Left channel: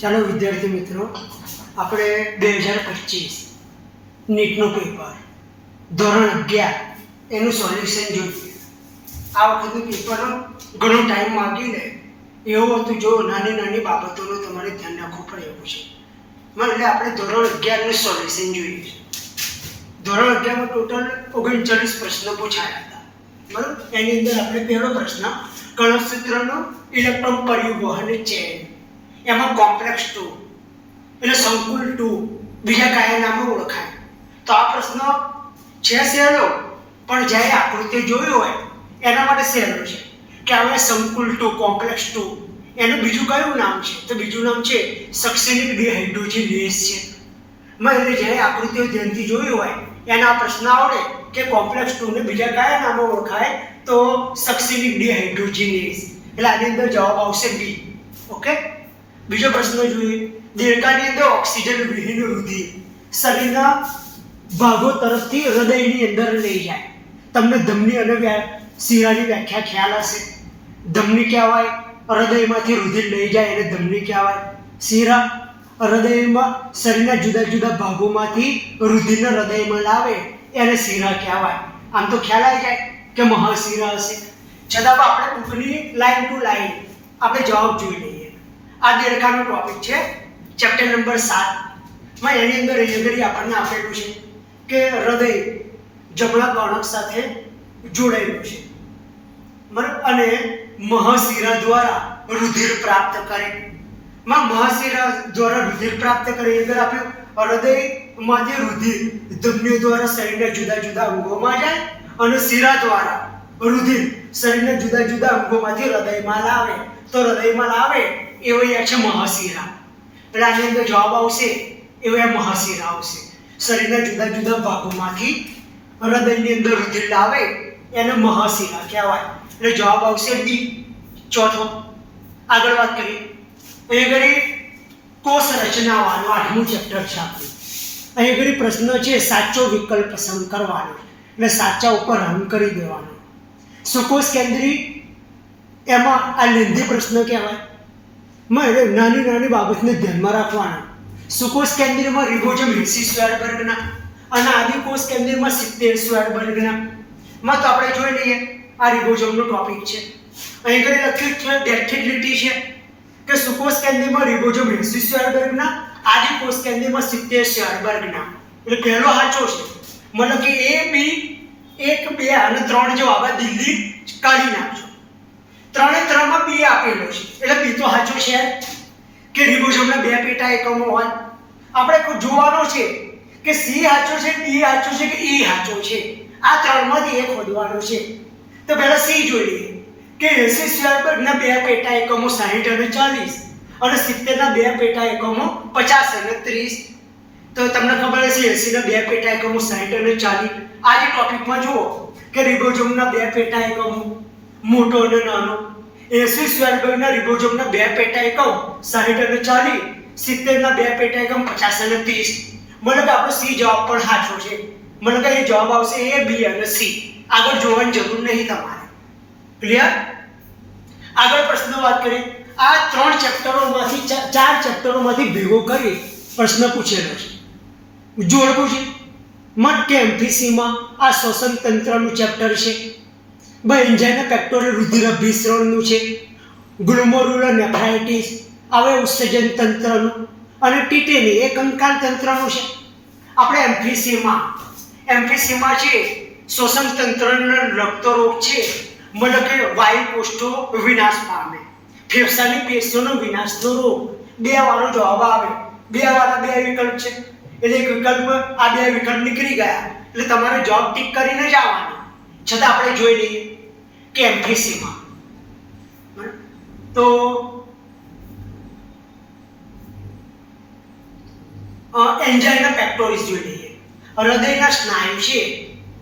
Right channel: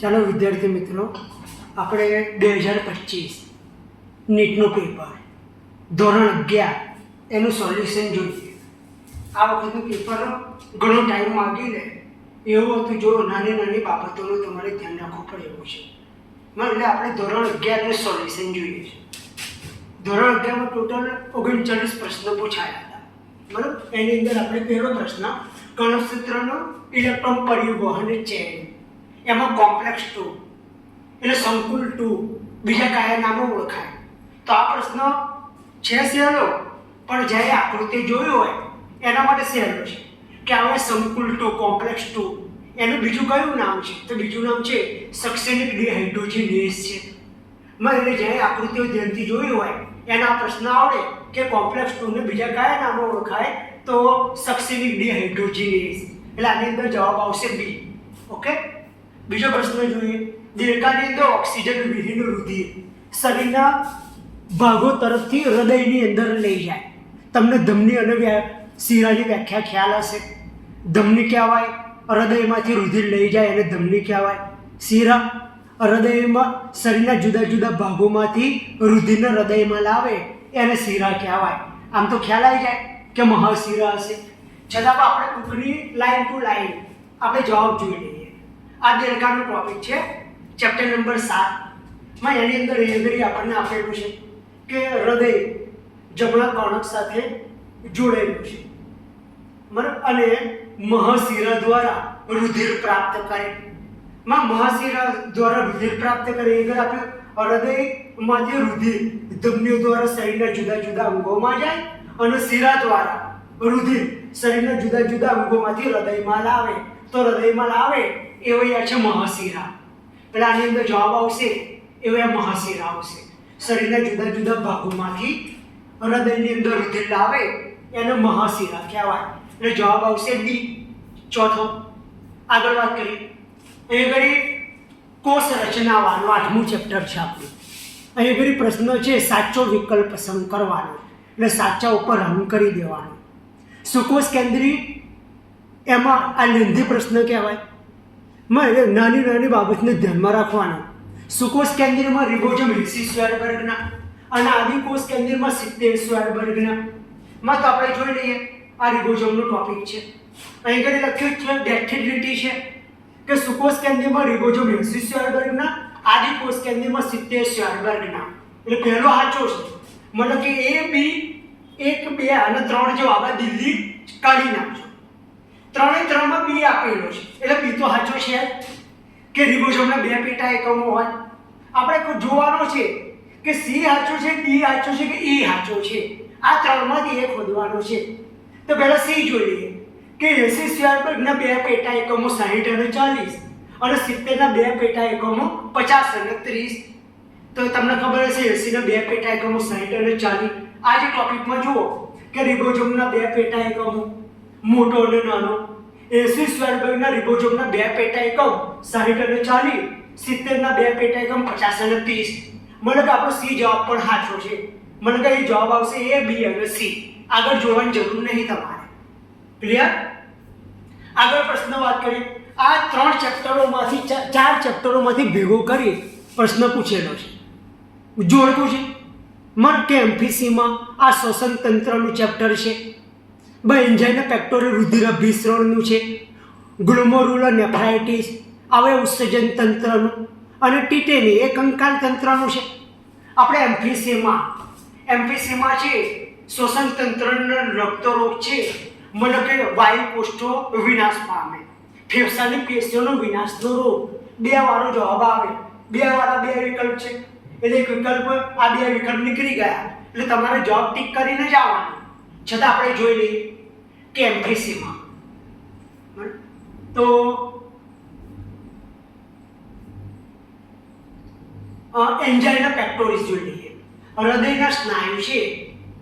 ચાલો વિદ્યાર્થી મિત્રો, આપણે 2025 નીટનું પેપર ધોરણ 11 એનું સોલ્યુશન જોઈએ. આ વખતનું પેપર ઘણો ટાઈમ માંગી લે એવું હતું. જો નાની નાની બાબતોનું તમારે ધ્યાન રાખવું પડે એવું છે. એટલે આપણે ધોરણ 11નું સોલ્યુશન જોઈએ છે. ધોરણ 11માં ટોટલ 39 પ્રશ્નો પૂછાયા હતા, બરાબર. એની અંદર આપણે પહેલો પ્રશ્ન કણસૂત્રનો ઇલેક્ટ્રોન પરિવહન ચેન, એમાં કોમ્પ્લેક્સ 2 એટલે સંકુલ 2 બીજા કયા નામે ઓળખાય. તો આ પ્રશ્ન છે સહેલો, પણ જ્યારે આકૃતિ જોઈ હોય એના માટે સહેલો છે કે હવે સંકુલ 2 કોમ્પ્લેક્સ 2 એનું બીજું કયું નામ છે? તો બીજું નામ છે સક્સેનિક ડિહાઇડ્રોજિનેઝ છે. એટલે જ્યારે આકૃતિઓ ધ્યાનથી જોઈ હોય એના આ પ્રશ્ન આવડે કે કોમ્પ્લેક્સ 2 ને બીજા કયા નામે ઓળખાય, તો સક્સેનિક ડિહાઇડ્રોજિનેઝ. એટલે આની અંદર જવાબ આવશે બી. ઓકે. બીજો પ્રશ્ન જોઈએ. દેડકાની અંદર ઓક્સિજન વિહીન રુધિર શરીરના ભાગો તરફથી હૃદયની અંદર લઈ જાય. તમને ધમની અને શિરાની વ્યાખ્યા ખ્યાલ હશે. ધમની કહેવાય હૃદયમાંથી રુધિર લઈ જાય એને ધમની કહેવાય. શિરા હૃદયમાં શરીરના જુદા જુદા ભાગોમાંથી રુધિરને હૃદયમાં લાવે એને શિરા કહેવાય. આમ તો ખ્યાલ આવી જાય કે મહાશિરા હશે. છતાં આપણે બુકની લાઈન ટુ લાઈન આપણે જવાબ જોઈ લઈએ. આ દેડકાનો ટોપિક છે, ચેપ્ટર નંબર 7 માં. એની અંદર આપણને આપેલું છે કે હૃદય જમણા કર્ણક સાથે જોડાયેલું છે, બરાબર. અને મહાશિરા દ્વારા રુધિર પ્રાપ્ત કરે. મહાશિરા દ્વારા રુધિર પ્રાપ્ત કરે અંદર આપ્યું હૃદયમાંથી રુધિર ધમનીઓ દ્વારા શરીરના જુદા જુદા અંગોમાં જાય અને શિરા દ્વારા રુધિર શરીરના જુદા જુદા અંગોમાંથી હૃદયમાં લાવે. તો હૃદયમાં લાવે એવો છે મહાશિરા. એટલે આની અંદર જવાબ આવશે એવો મહાશિરા આવશે. શરીરના જુદા જુદા ભાગોમાંથી હૃદયની અંદર રુધિર લાવે એને મહાશિરા કહેવાય. એટલે જવાબ આવશે બી. ચોથો આગળ વાત કરીએ. અહીં ઘડી કોષ રચનાવાનું 8મું ચેપ્ટર છે આપણું. અહીં ઘડી પ્રશ્ન છે સાચો વિકલ્પ પસંદ કરવાનો, એટલે સાચા ઉપર રન કરી દેવાનો. સુકોષ કેન્દ્રી એમાં આ લેન્ધી પ્રશ્ન કહેવાય. નાની નાની બાબતને ધ્યાનમાં રાખવાના. સુકોષ કેન્દ્રમાં રિબોઝોમ 80 સ્ક્વેર વર્ગના અને આદિકોષ કેન્દ્રમાં 70 સ્ક્વેર વર્ગના. તો આપણે જોઈ લઈએ. આ રિબોઝોમનો ટોપિક છે. અહીં ઘરે લખ્યું છે ડેક્ટિલિટી છે કે સુકોષ કેન્દ્રમાં રિબોઝોમ 80 સ્ક્વેર વર્ગના, આદિકોષ કેન્દ્રમાં 70 સ્ક્વેર વર્ગના. એટલે પહેલો સાચો છે. મતલબ કે એ બી 1 2 અને 3 જવાબ દિલ્હી કાઢી નાખજો. 3 એ 3 માં બી આપેલો છે એટલે બી તો સાચો છે કે રિબોઝોમના 2 પેટા એકમો હોય. આપણે જોવાનો છે કે સી સાચો છે, ડી સાચો છે કે ઈ સાચો છે. આ 3 માંથી એક શોધવાનો છે. તો પહેલા સી જોઈ લઈએ કે 80 સ્ક્વેર વર્ગના 2 પેટા એકમો 60 અને 40 અને 70 ના 2 પેટા એકમો 50 અને 30. તો તમને ખબર હશે 80 ના 2 પેટા એકમો 60 અને 40. આ જે ટોપિકમાં જુઓ કે રિબોઝોમના 2 પેટા એકમો મોટો અને નાનો. 80 સ્ક્વેર વર્ગના રિબોઝોમના 2 પેટા એકમ 60 અને 40, 70 ના 2 પેટા એકમ 50 અને 30. મતલબ આપણો સી જવાબ પણ સાચો છે. મતલબ એ જવાબ આવશે એ, બી અને સી. આગળ જોવાની જરૂર નહીં તમારે. ક્લિયર? આગળ પ્રશ્ન વાત કરીએ. આ 3 ચેપ્ટરોમાંથી 4 ચેપ્ટરોમાંથી ભેગો કરી પ્રશ્ન પૂછેલો છે, જોડવું છે. કે એમપીસીમાં આ શ્વસન તંત્રનું ચેપ્ટર છે. એન્જાઇના પેક્ટોરલ રુધિર અભિસરણનું છે. ગ્લોમેરુલર નેફ્રાઇટિસ આવે ઉત્સર્જન તંત્રનું. અને ટીટેની એ કંકાલ તંત્રનું છે. આપણે એમપીસીમાં છે શ્વસન તંત્રને લગતો રોગ છે. મતલબ કે વાયુ કોષો વિનાશ પામે, ફેફસાની પેશીઓનો વિનાશનો રોગ. 2 વાળો જવાબ આવે. 2 વાળા 2 વિકલ્પ છે એટલે એક વિકલ્પ, આ 2 વિકલ્પ નીકળી ગયા એટલે તમારે જવાબ ટીક કરીને જ આવવાનો. છતાં આપણે જોઈ લઈએ કે એમપીસીમાં તો એન્જાઇના પેક્ટોરિસ જોઈ લઈએ. હૃદયના સ્નાયુ છે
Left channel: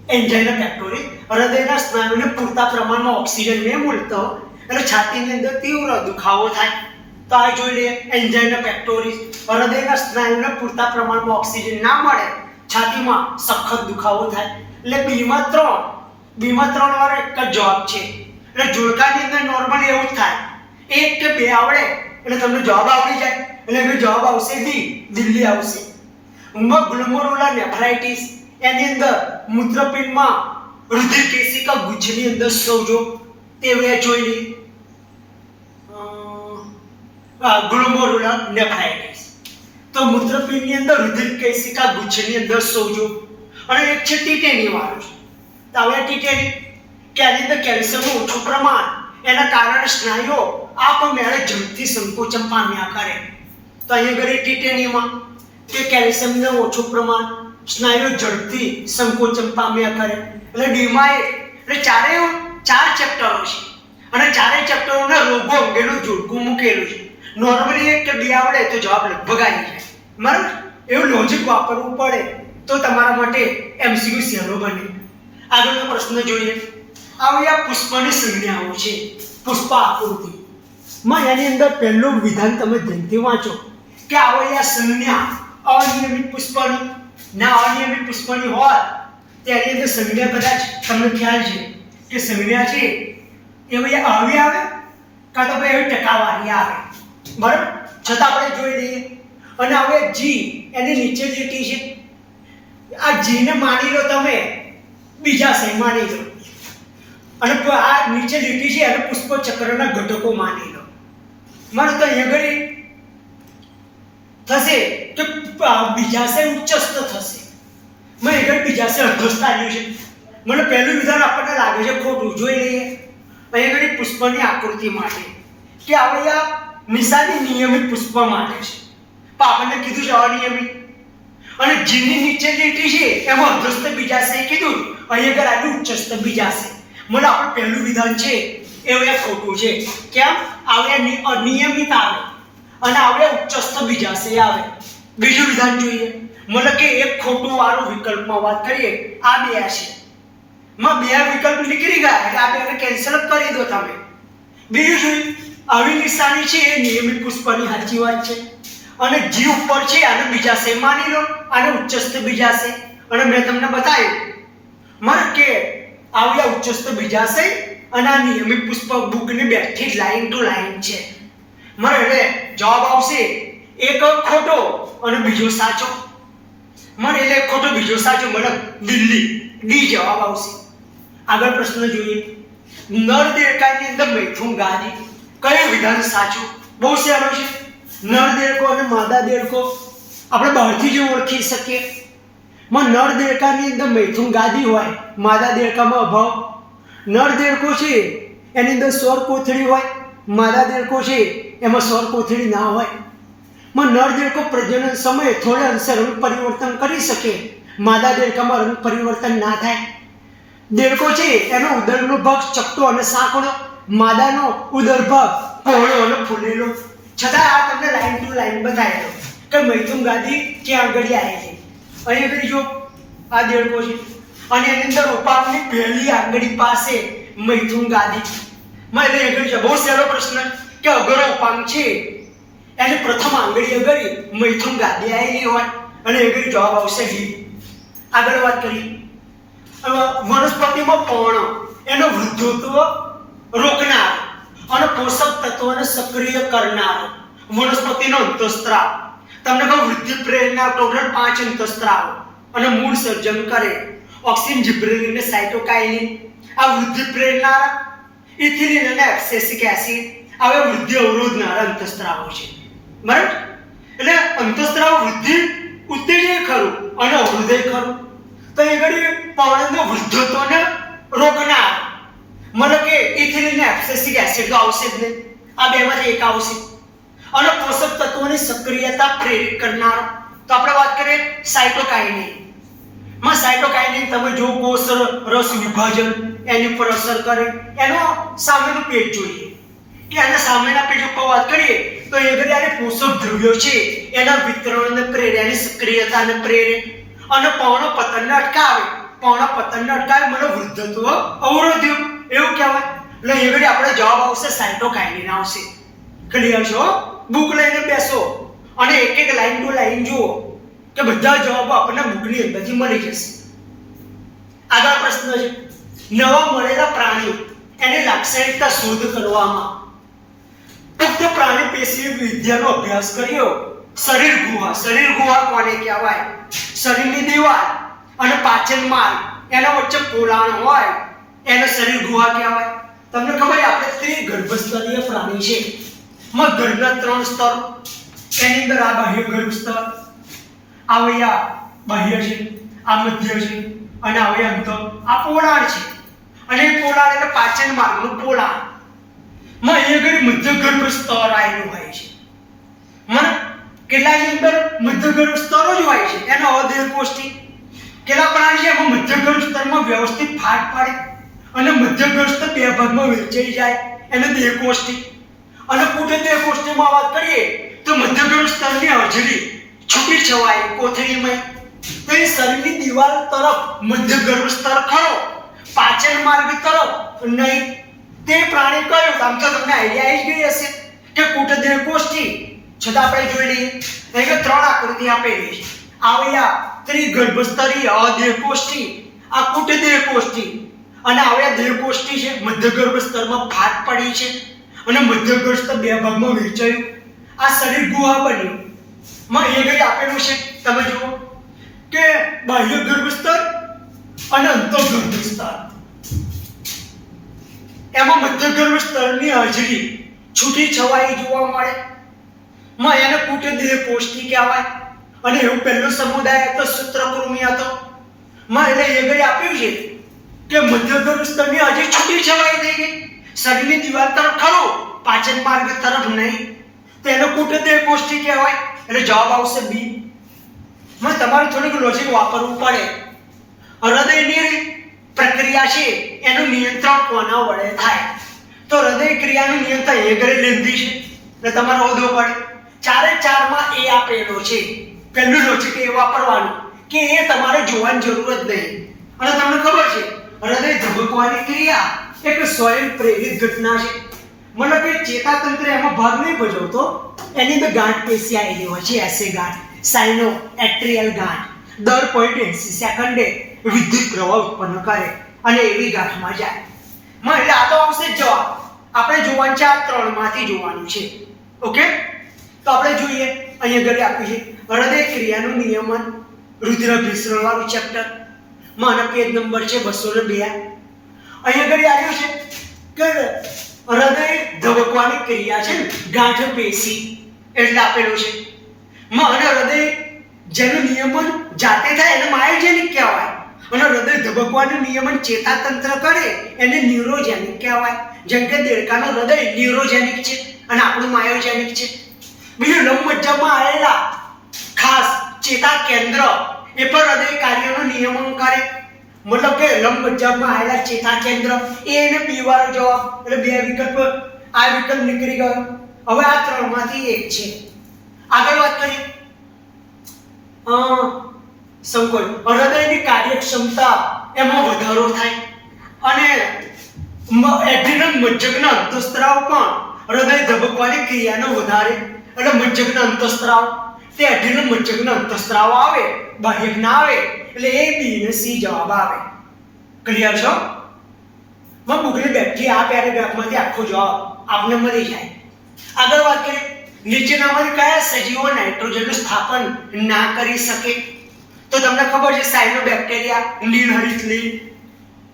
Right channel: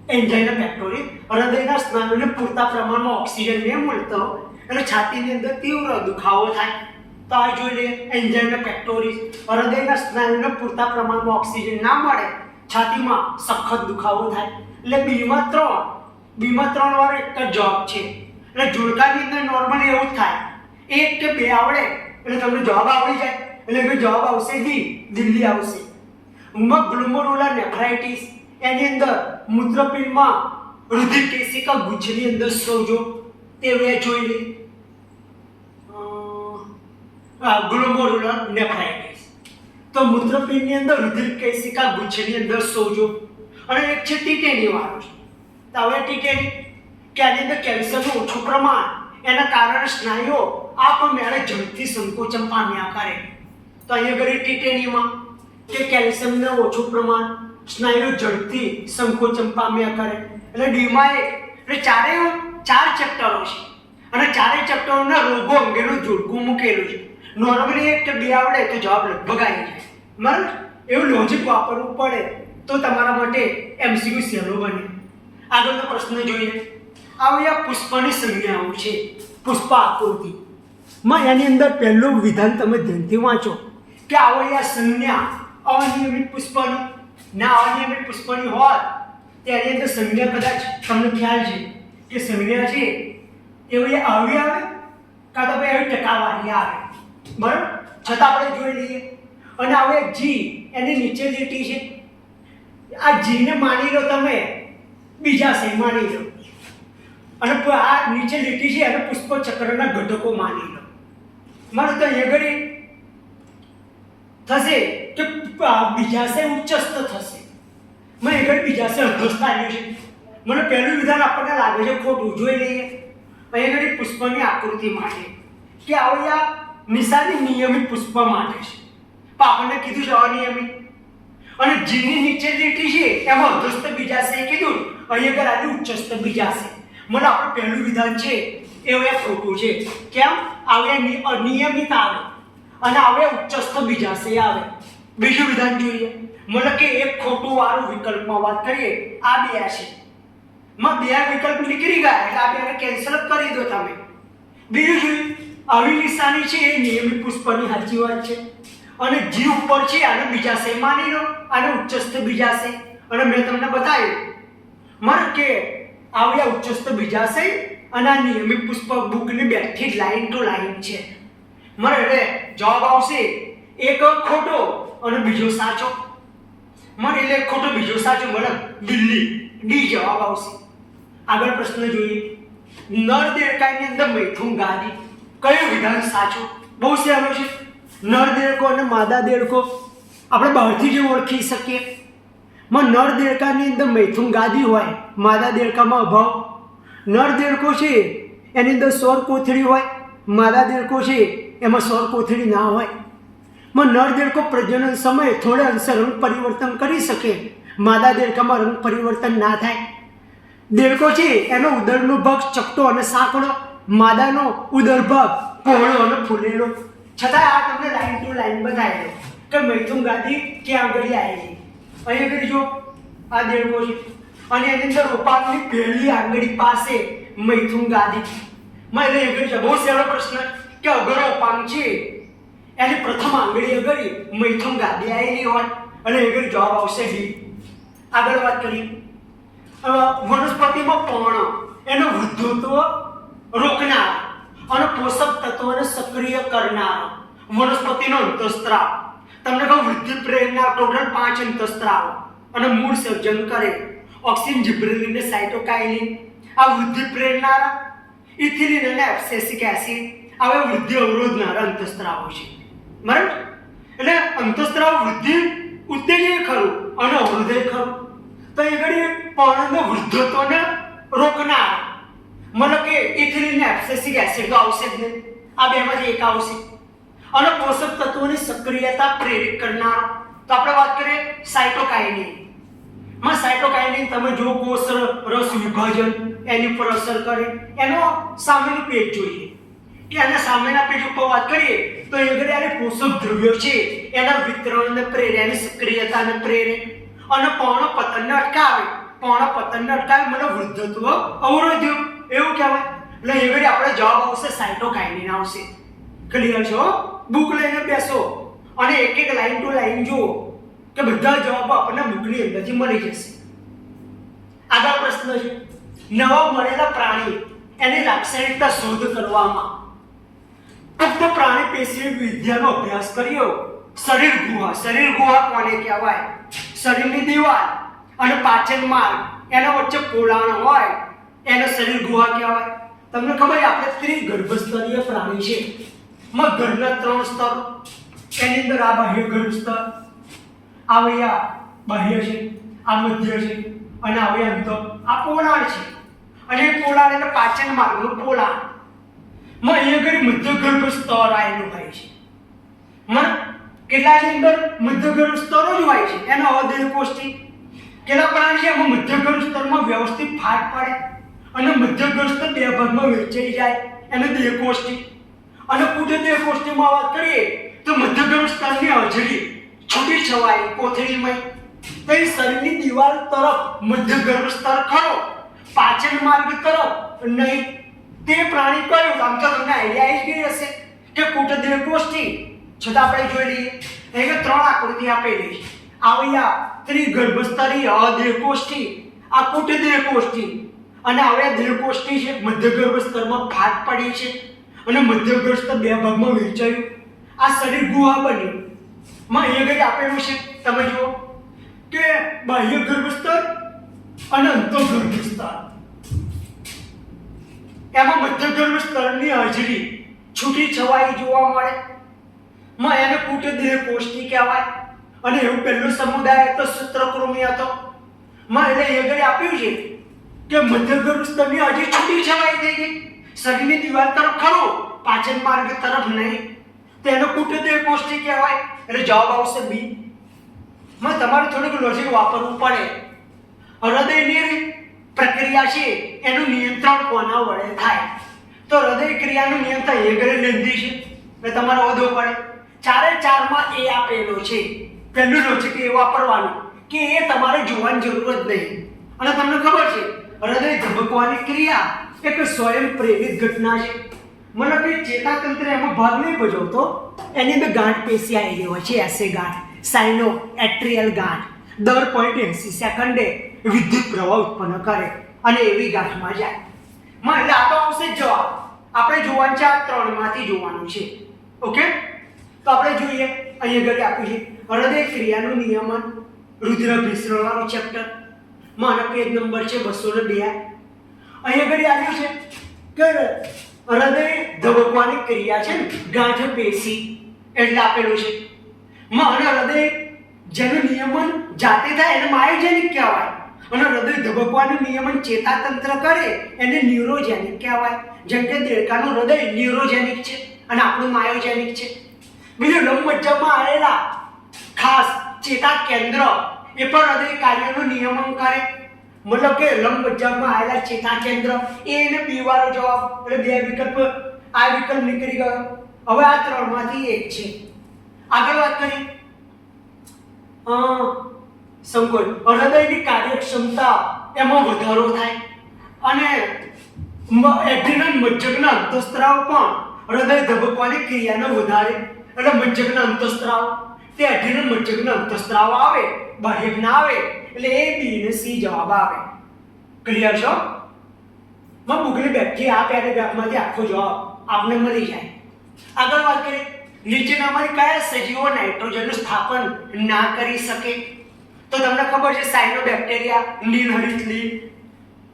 એન્જાઇના પેક્ટોરિસ. હૃદયના સ્નાયુને પૂરતા પ્રમાણમાં ઓક્સિજન ન મળતો એટલે છાતીની અંદર તીવ્ર દુખાવો થાય. તો આ જોઈ લઈએ એન્જાઇના પેક્ટોરિસ. હૃદયના સ્નાયુને પૂરતા પ્રમાણમાં ઓક્સિજન ના મળે, છાતીમાં સખત દુખાવો થાય. એટલે બીમાં 3 વાળો એક જ જવાબ છે. એટલે જોડકાની અંદર નોર્મલી એવું જ થાય. 1 કે 2 આવડે એટલે તમને જવાબ આવડી જાય. એટલે જવાબ આવશે દિલ્હી આવશે. ગ્લોમેરુલર નેફ્રાઇટિસ એની અંદર મૂત્રપિંડમાં રુધિર કેશિકા ગુચ્છની અંદર સોજો તે વે જોઈ લઈએ. ગ્લોમેરુલર નેફ્રાઇટિસ તો મૂત્રપિંડની અંદર રુધિર કેશિકા ગુચ્છની અંદર સોજો. અને એક છે ટીટેની વાળો છે. તો હવે ટીટેની કે આની અંદર કેલ્શિયમનું ઓછું પ્રમાણ એના કારણે સ્નાયુઓ આપમેળે ઝડપથી સંકોચન પામ્યા કરે. તો અહીંયા ઘરે ટીટેનીમાં કે કેલ્શિયમનું ઓછું પ્રમાણ સ્નાયુઓ ઝડપથી સંકોચન પામ્યા કરે. એટલે ડીમાં એટલે ચાર ચેપ્ટરો છે અને ચારેય ચેપ્ટરોના રોગો અંગેનું જોડકું મૂકેલું છે. નોર્મલી એક કે બે આવડે તો જવાબ લગભગ આવી જાય. બરાબર? એવું લોજિક વાપરવું પડે તો તમારા માટે એમસીક્યુ સહેલો બને. આગળનો પ્રશ્ન જોઈએ. આ પુષ્પની સંજ્ઞાઓ છે. પુષ્પ આકૃતિ માં એની અંદર પહેલું વિધાન તમે ધ્યાનથી વાંચો કે આ સંજ્ઞા અનિયમિત પુષ્પની ના અનિયમિત પુષ્પની હોય તેની અંદર સંજ્ઞા કદાચ તમને ખ્યાલ છે કે સંજ્ઞા છે એ ભાઈ આવી આવે કાં તો ભાઈ એવી ટકાવારી આવે. બરાબર? છતાં આપણે જોઈ લઈએ. અને હવે જી એની નીચે લીટી છે. આ જીને માની લો તમે બીજાશય માની લો અને આ નીચે લીટી છે એને પુષ્પ ચક્રના ઘટકો માની લો. માનો તો અહીંયા ઘડી થશે કે બીજાશય ઉચ્ચસ્થ થશે. મેં આગળ બીજાશય અધ્યસ્થ આવ્યું છે. મને પહેલું વિધાન આપણને લાગે છે ખોટું. જોઈ લઈએ. અહીંયા ઘડી પુષ્પની આકૃતિ માટે કે આ નિશાની નિયમિત પુષ્પ માટે છે. પણ આપણને કીધું છે અનિયમિત. અને જીની નીચે લીટી છે એમાં અધ્યસ્થ બીજાશય કીધું. અહીંયા આગળ આટલું ઉચ્ચસ્થ બીજાશય. મને આપણું પહેલું વિધાન છે એ ખોટું છે. કેમ? આવે અનિયમિત આવે અને આવે ઉચ્ચસ્થ બીજાશય આવે. બીજું વિધાન જોઈએ. મને કે એક ખોટું વાળું વિકલ્પમાં વાત કરીએ. આ બે છે. માં બે વિકલ્પ નીકળી ગયા એટલે આ બેને કેન્સલ કરી દો તમે. બીજું જોઈએ. આવી નિશાની છે એ નિયમિત પુષ્પની સાચી વાત છે. અને જી ઉપર છે આને બીજાશય માની લો. આને ઉચ્ચસ્થ બીજાશય. અને મેં તમને બતાવ્યું મને કે આવ્યા ઉચ્ચસ્થ બીજાશય અને આ નિયમિત પુષ્પ બુકની બેઠી જ લાઈન ટુ લાઈન છે. મને એટલે જવાબ આવશે એક ખોટો અને બીજો સાચો. મને એટલે ખોટો બીજો સાચો મને દિલ્હી ડી જવાબ આવશે. આગળ પ્રશ્ન જોઈએ. નર દેડકાની અંદર મૈથુન ગાદી કયું વિધાન સાચું? બહુ સહેલો છે. નર દેડકો અને માદા દેડકો આપણે બહારથી જ ઓળખી શકીએ. નર દેડકાની અંદર મૈથુન ગાદી હોય, માદા દેડકામાં અભાવ. નર દેડકો છે એની અંદર સૌર કોથળી હોય, માદા દેડકો છે એમાં સૌર કોથળી ના હોય. નર દેડકો પ્રજનન સમયે થોડા અંશે રંગ પરિવર્તન કરી શકે, માદા દેડકામાં રંગ પરિવર્તન ના થાય. દેડકો છે એનો ઉદરનો ભાગ ચપટો અને સાંકડો, માદાનો ઉદર ભાગ પહોળો અને ફૂલેલો. છતાં આ તમને લાઈન ટુ લાઈન બતાવેલો કે મૈથુન ગાદી ક્યાં આગળ આવી છે. અહીં આગળ જો આ દેડકો છે અને એની અંદર ઉપાંગની પહેલી આંગળી પાસે મૈથુન ગાદી. એટલે આગળ છે. બહુ સહેલો પ્રશ્ન કે અગર ઉપાંગ છે એની પ્રથમ આંગળી આગળ મૈથુન ગાદી આવેલી હોય અને આગળ જવાબ આવશે ડી. આગળ વાત કરીએ. વનસ્પતિમાં પર્ણ એનો વૃદ્ધત્વ રોકનાર અને પોષક તત્વોને સક્રિય કરનાર વનસ્પતિનો અંતઃસ્ત્રાવ. તમને કહું વૃદ્ધિ પ્રેરણા ટોટલ 5 અંતઃસ્ત્રાવ અને મૂળ સર્જન કરે. ઓક્સિન, જિબ્રેલિન અને સાઇટોકાઇનિન આ વૃદ્ધિ પ્રેરનાર, ઇથિલિન અને એબ્સેસિક એસિડ હવે વૃદ્ધિ અવરોધનારા અંતઃસ્ત્રાવો છે. બરાબર? એટલે અંતઃસ્ત્રાવ વૃદ્ધિ ઉત્તેજે ખરું અને અવરોધે ખરું. તો એ ઘડી પર્ણનો વૃદ્ધત્વને રોકનાર મને કે ઇથિલિન અને એબ્સેસિક એસિડ તો આવશે જ નહીં. આ બેમાંથી એક આવશે. અને પોષક તત્વોની સક્રિયતા પ્રેરિત કરનારો તો આપણે વાત કરીએ સાઇટોકાઇનિન. સાઇટોકાઇનિન તમે જો કોષ રસ વિભાજન એની પર અસર કરે. એનો સામેનું પેજ જોઈએ કે આના સામેના પેજ ઉપર વાત કરીએ તો એ ઘડી આને પોષક દ્રવ્યો છે એના વિતરણને પ્રેરે, એની સક્રિયતાને પ્રેરે અને પર્ણપતનને અટકાવે. પર્ણપતનને અટકાવે મને વૃદ્ધત્વ અવરોધ્યું એવું કહેવાય. એટલે એ ઘડી આપણે જવાબ આવશે સાઇટોકાઇનિન આવશે. ક્લિયર છો? બુક લઈને બેસો અને એક એક લાઈન ટુ લાઈન જુઓ કે બધા જવાબો આપણને બુકની અંદરથી મળી જશે. આગળ પ્રશ્ન છે. નવા મળેલા પ્રાણી એની લાક્ષણિકતા શોધ કરવામાં પુખ્ત પ્રાણી પેશી વિદ્યાનો અભ્યાસ કર્યો. શરીર ગુહા કોને કહેવાય? શરીરની દિવાલ અને પાચન માર્ગ એના વચ્ચે પોલાણ હોય એને શરીર ગુહા કહેવાય. તમને ખબર છે આપણે ત્રિગર્ભસ્તરીય પ્રાણી છે. ગર્ભના 3 સ્તર, એની અંદર આ બાહ્ય ગર્ભ સ્તર, આ બાહ્ય છે, આ મધ્ય છે અને આ અંત, આ પોલાણ છે. અને એ પોલાણ એટલે પાચન માર્ગનું પોલાણ. અહીંયા આગળ મધ્ય ગર્ભ સ્તર આવેલું હોય છે. કેટલાની અંદર મધ્ય ગર્ભ સ્તરો જ હોય છે, એનો અદેહકોષ્ઠી. કેટલા પ્રાણી છે એમાં મધ્ય ગર્ભ સ્તરમાં વ્યવસ્થિત ફાટ પડે અને મધ્ય ગર્ભ સ્તર 2 ભાગમાં વહેંચાઈ જાય, એને દેહકોષ્ઠી. અને પૂઢ દેહકોષ્ઠીમાં વાત કરીએ તો મધ્ય ગર્ભ સ્તરની હાજરી છૂટી છવાઈ કોથળીમય. તો એ શરીરની દિવાલ તરફ મધ્ય ગર્ભ સ્તર ખરો, પાચન માર્ગ તરફ નહીં. તે પ્રાણી કયું? આમ તો તમને આઈડિયા આવી ગઈ હશે કે પૂઢ દેહકોષ્ઠી. છતાં આપણે જોઈ લઈએ. અહીં 3 આકૃતિ આપેલી છે. આવ્યા ત્રિગર્ભસ્તરીય અદેહકોષ્ઠી, આ પૂઢ દેહકોષ્ઠી અને આવ્યા દેહકોષ્ઠી છે. મધ્ય ગર્ભ સ્તરમાં ફાટ પડી છે અને મધ્ય ગર્ભ સ્તર 2 ભાગમાં વહેંચાયું. આ શરીર ગુહા બન્યું. અહીંયા આગળ આપેલું છે, તમે જુઓ કે બાહ્ય ગર્ભ સ્તર અને અંતઃગર્ભ સ્તર. એમાં મધ્ય ગર્ભ સ્તરની હાજરી છૂટી છવાઈ જોવા મળે. એને પૂઢ દેહકોષ્ઠી કહેવાય. અને એવું પહેલું સમુદાય હતો સૂત્રકૃમિ હતો. એટલે એ આગળ આપ્યું છે કે મધ્ય ગર્ભ સ્તરની હાજરી છૂટી છવાઈ થઈ ગઈ, શરીરની દિવાલ તરફ ખરું, પાચન માર્ગ તરફ નહીં. તો એનો પૂઢ દેહકોષ્ઠી કહેવાય. એટલે જવાબ આવશે બી. તમારે થોડુંક લોજિક વાપરવું પડે. હૃદયની પ્રક્રિયા છે એનું નિયંત્રણ કોના વડે થાય? તો હૃદય ક્રિયાનું નિયંત્રણ એ ઘરે લેન્ધી છે એટલે તમારે ઓધો પડે. 4-4 એ આપેલો છે. પહેલું લોજિક એ વાપરવાનું કે એ તમારે જોવાની જરૂર જ નહીં. અને તમને ખબર છે હૃદય ધબકવાની ક્રિયા એક સ્વયં પ્રેરિત ઘટના છે. મતલબ કે ચેતાતંત્ર એમાં ભાગ નહીં ભજવતો. એની અંદર ગાંઠ પેશી આવેલી હોય છે, એસે ગાંઠ, સાઇનો એટ્રિયલ ગાંઠ. દર 0.80 સેકન્ડે વિદ્યુત પ્રવાહ ઉત્પન્ન કરે અને એવી ગાંઠમાં જાય. એટલે આ તો આવશે જ જવાબ. આપણે જોવાનું છે આ 3 માંથી જોવાનું છે. ઓકે, તો આપણે જોઈએ. અહીંયા આગળ આપ્યું છે હૃદય ક્રિયાનું નિયમન, રુધિરાભિસરણ વાળું ચેપ્ટર. આનો પેજ નંબર છે 202. અહીંયા આગળ આવ્યું છે કે હૃદય ધબકવાની ક્રિયા છે, ગાંઠ પેશી એટલે આપેલું છે. અને હૃદય જેનું નિયમન જાતે થાય એને માયોજેનિક કહેવાય. અને હૃદય ધબકવાનું નિયમન ચેતાતંત્ર કરે એને ન્યુરોજેનિક કહેવાય. જેમ કે દેડકાનું હૃદય ન્યુરોજેનિક છે અને આપણું માયોજેનિક છે. બીજું લંબમજ્જામાં આવેલા ખાસ ચેતા કેન્દ્ર એ પણ હૃદય કાર્યનું નિયમન કરે. મતલબ કે લંબમજ્જામાં આવેલા ચેતા કેન્દ્ર એને બી વાળો જવાબ. એટલે 2 વિકલ્પ, આ વિકલ્પ નીકળી ગયો. હવે આ 3 માંથી એક છે. આગળ વાત કરીએ. સંકોચ, હૃદયની કાર્યક્ષમતા એમાં વધારો થાય અને એડ્રીનલ મજ્જકના અંતઃસ્ત્રાવ પણ હૃદય ધબકવાની ક્રિયાનો વધારે. એટલે મજ્જકના અંતઃસ્ત્રાવ તે એડ્રીનલ મજ્જકના અંતઃસ્ત્રાવ આવે, બાહ્યક ના આવે. એટલે એ બી ને સી જવાબ આવે. ક્લિયર છો? બુકની બેઠી આ પેરેગ્રાફમાંથી આખો જવાબ આપને મળી જાય. આગળ વાત કરીએ. નીચેનામાંથી કયા સજીવો નાઇટ્રોજનનું સ્થાપન ના કરી શકે? તો તમને ખબર છે સાયનોબેક્ટેરિયા, લીનહરિત લીન,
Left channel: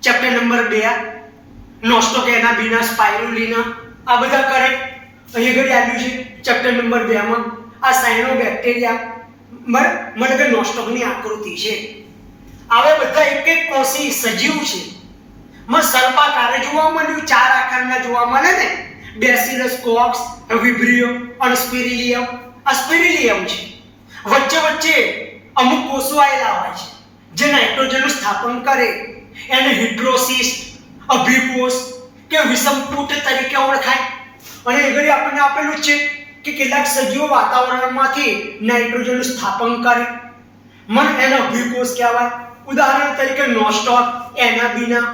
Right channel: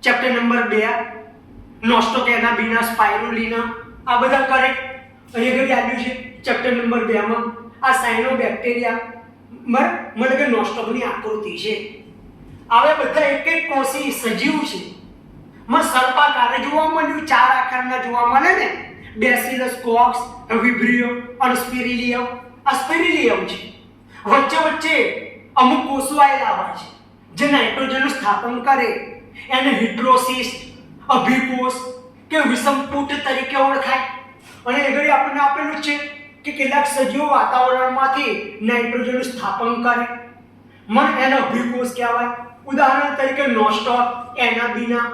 ચેપ્ટર નંબર 2, નોસ્ટોકેનાબિના, સ્પાઇરુલિના, આ બધા કરેક્ટ. અહીં આગળ આવ્યું છે ચેપ્ટર નંબર 2 માં આ સાયનોબેક્ટેરિયા મને કે નોસ્ટોકની આકૃતિ છે. હવે બધા એક કોષી સજીવ છે. સર્પાકાર જોવા મળ્યું, 4 આકારના જોવા મળે ને. બેસિલસ, કોક્સ, વિબ્રિયો અને સ્પિરિલિયમ. આ સ્પિરિલિયમ છે. વચ્ચે અમુક કોષો આવેલા હોય છે જે નાઇટ્રોજનનું સ્થાપન કરે. એને હિડ્રોસિસ્ટ, અભિકોષ કે વિષમપુટ તરીકે ઓળખાય. અને આગળ આપણને આપેલું છે કે કેટલાક સજીવો વાતાવરણમાંથી નાઇટ્રોજનનું સ્થાપન કરે. એને અભિકોષ કહેવાય. ઉદાહરણ તરીકે નોસ્ટોક, એનાબીના.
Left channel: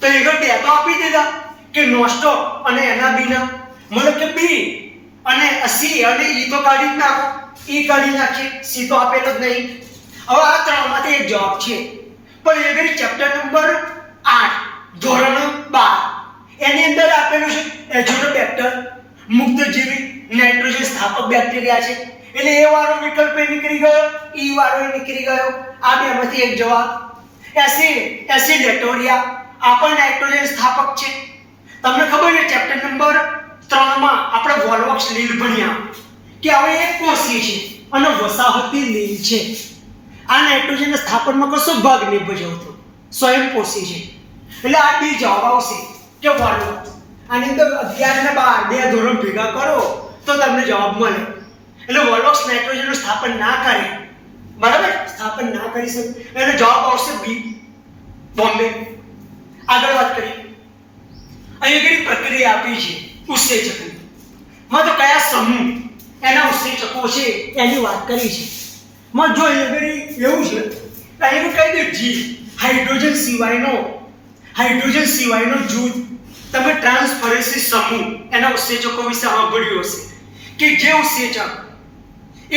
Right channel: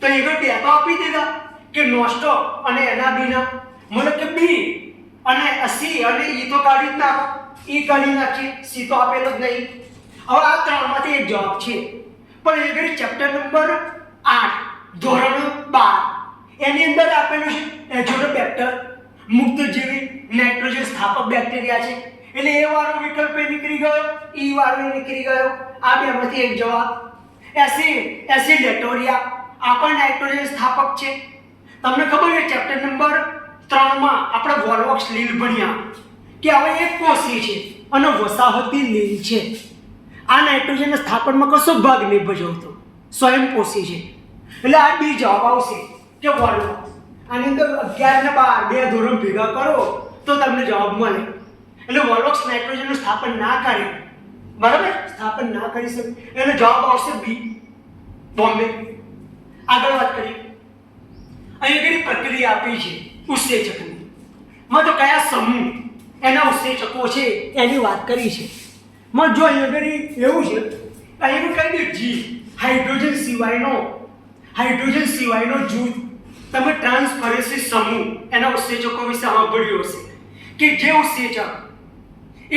તો આગળ 2 તો આપી દીધા કે નોસ્ટોક અને એનાબીના. મતલબ કે બી અને સી અને ઈ તો કાઢી જ નાખો. ઈ કાઢી નાખીએ, સી તો આપેલો જ નહીં. હવે આ 3 માંથી એક જવાબ છે. પણ એ ઘડી ચેપ્ટર નંબર 8 ધોરણ 12 એની અંદર આપેલું છે એઝોડોબેક્ટર, મુક્તજીવી નાઇટ્રોજન સ્થાપક બેક્ટેરિયા છે, એટલે એ વાળો વિકલ્પ એ નીકળી ગયો, ઈ વાળો એ નીકળી ગયો. આ બેમાંથી એક જવાબ. એસિડેટોરિયા આ પણ નાઇટ્રોજન સ્થાપક છે. તમને ખબર છે ચેપ્ટર નંબર 3 માં આપણે વોલ્વોક્સ લીલ ભણ્યા કે હવે એક કોષીય છે અને વસાહતી લીલ છે. આ નાઇટ્રોજનના સ્થાપનમાં કશો ભાગ નહીં ભજવતો, સ્વયંપોષી છે. એટલે આ બી જવાબ આવશે કે વોલ્વોક્સ. આની અંદર 11 ને 12 બે ધોરણ ભેગા કરો તો તમને જવાબ મળે. એટલે વોલ્વોક્સ નાઇટ્રોજનનું સ્થાપન ના કરે, બરાબર, સ્થાપન ના કરી શકે, એટલે જવાબ આવશે બી, બોમ્બે. આગળ વાત કરીએ. અહીં ઘણી પ્રક્રિયા આપી છે ઉત્સેચકની. માં તો કયા સમૂહ એના ઉત્સેચકો છે એની વાત કરી છે. માં જો અહીં ઘણી એવું છે, અહીં કહી દે જી હાઇડ્રોજન સિવાયનો જૂથ. તમે ટ્રાન્સફરેન્સી સમૂહ એના ઉત્સેચકો વિશે સાંભળ્યું હશે કે જે ઉત્સેચક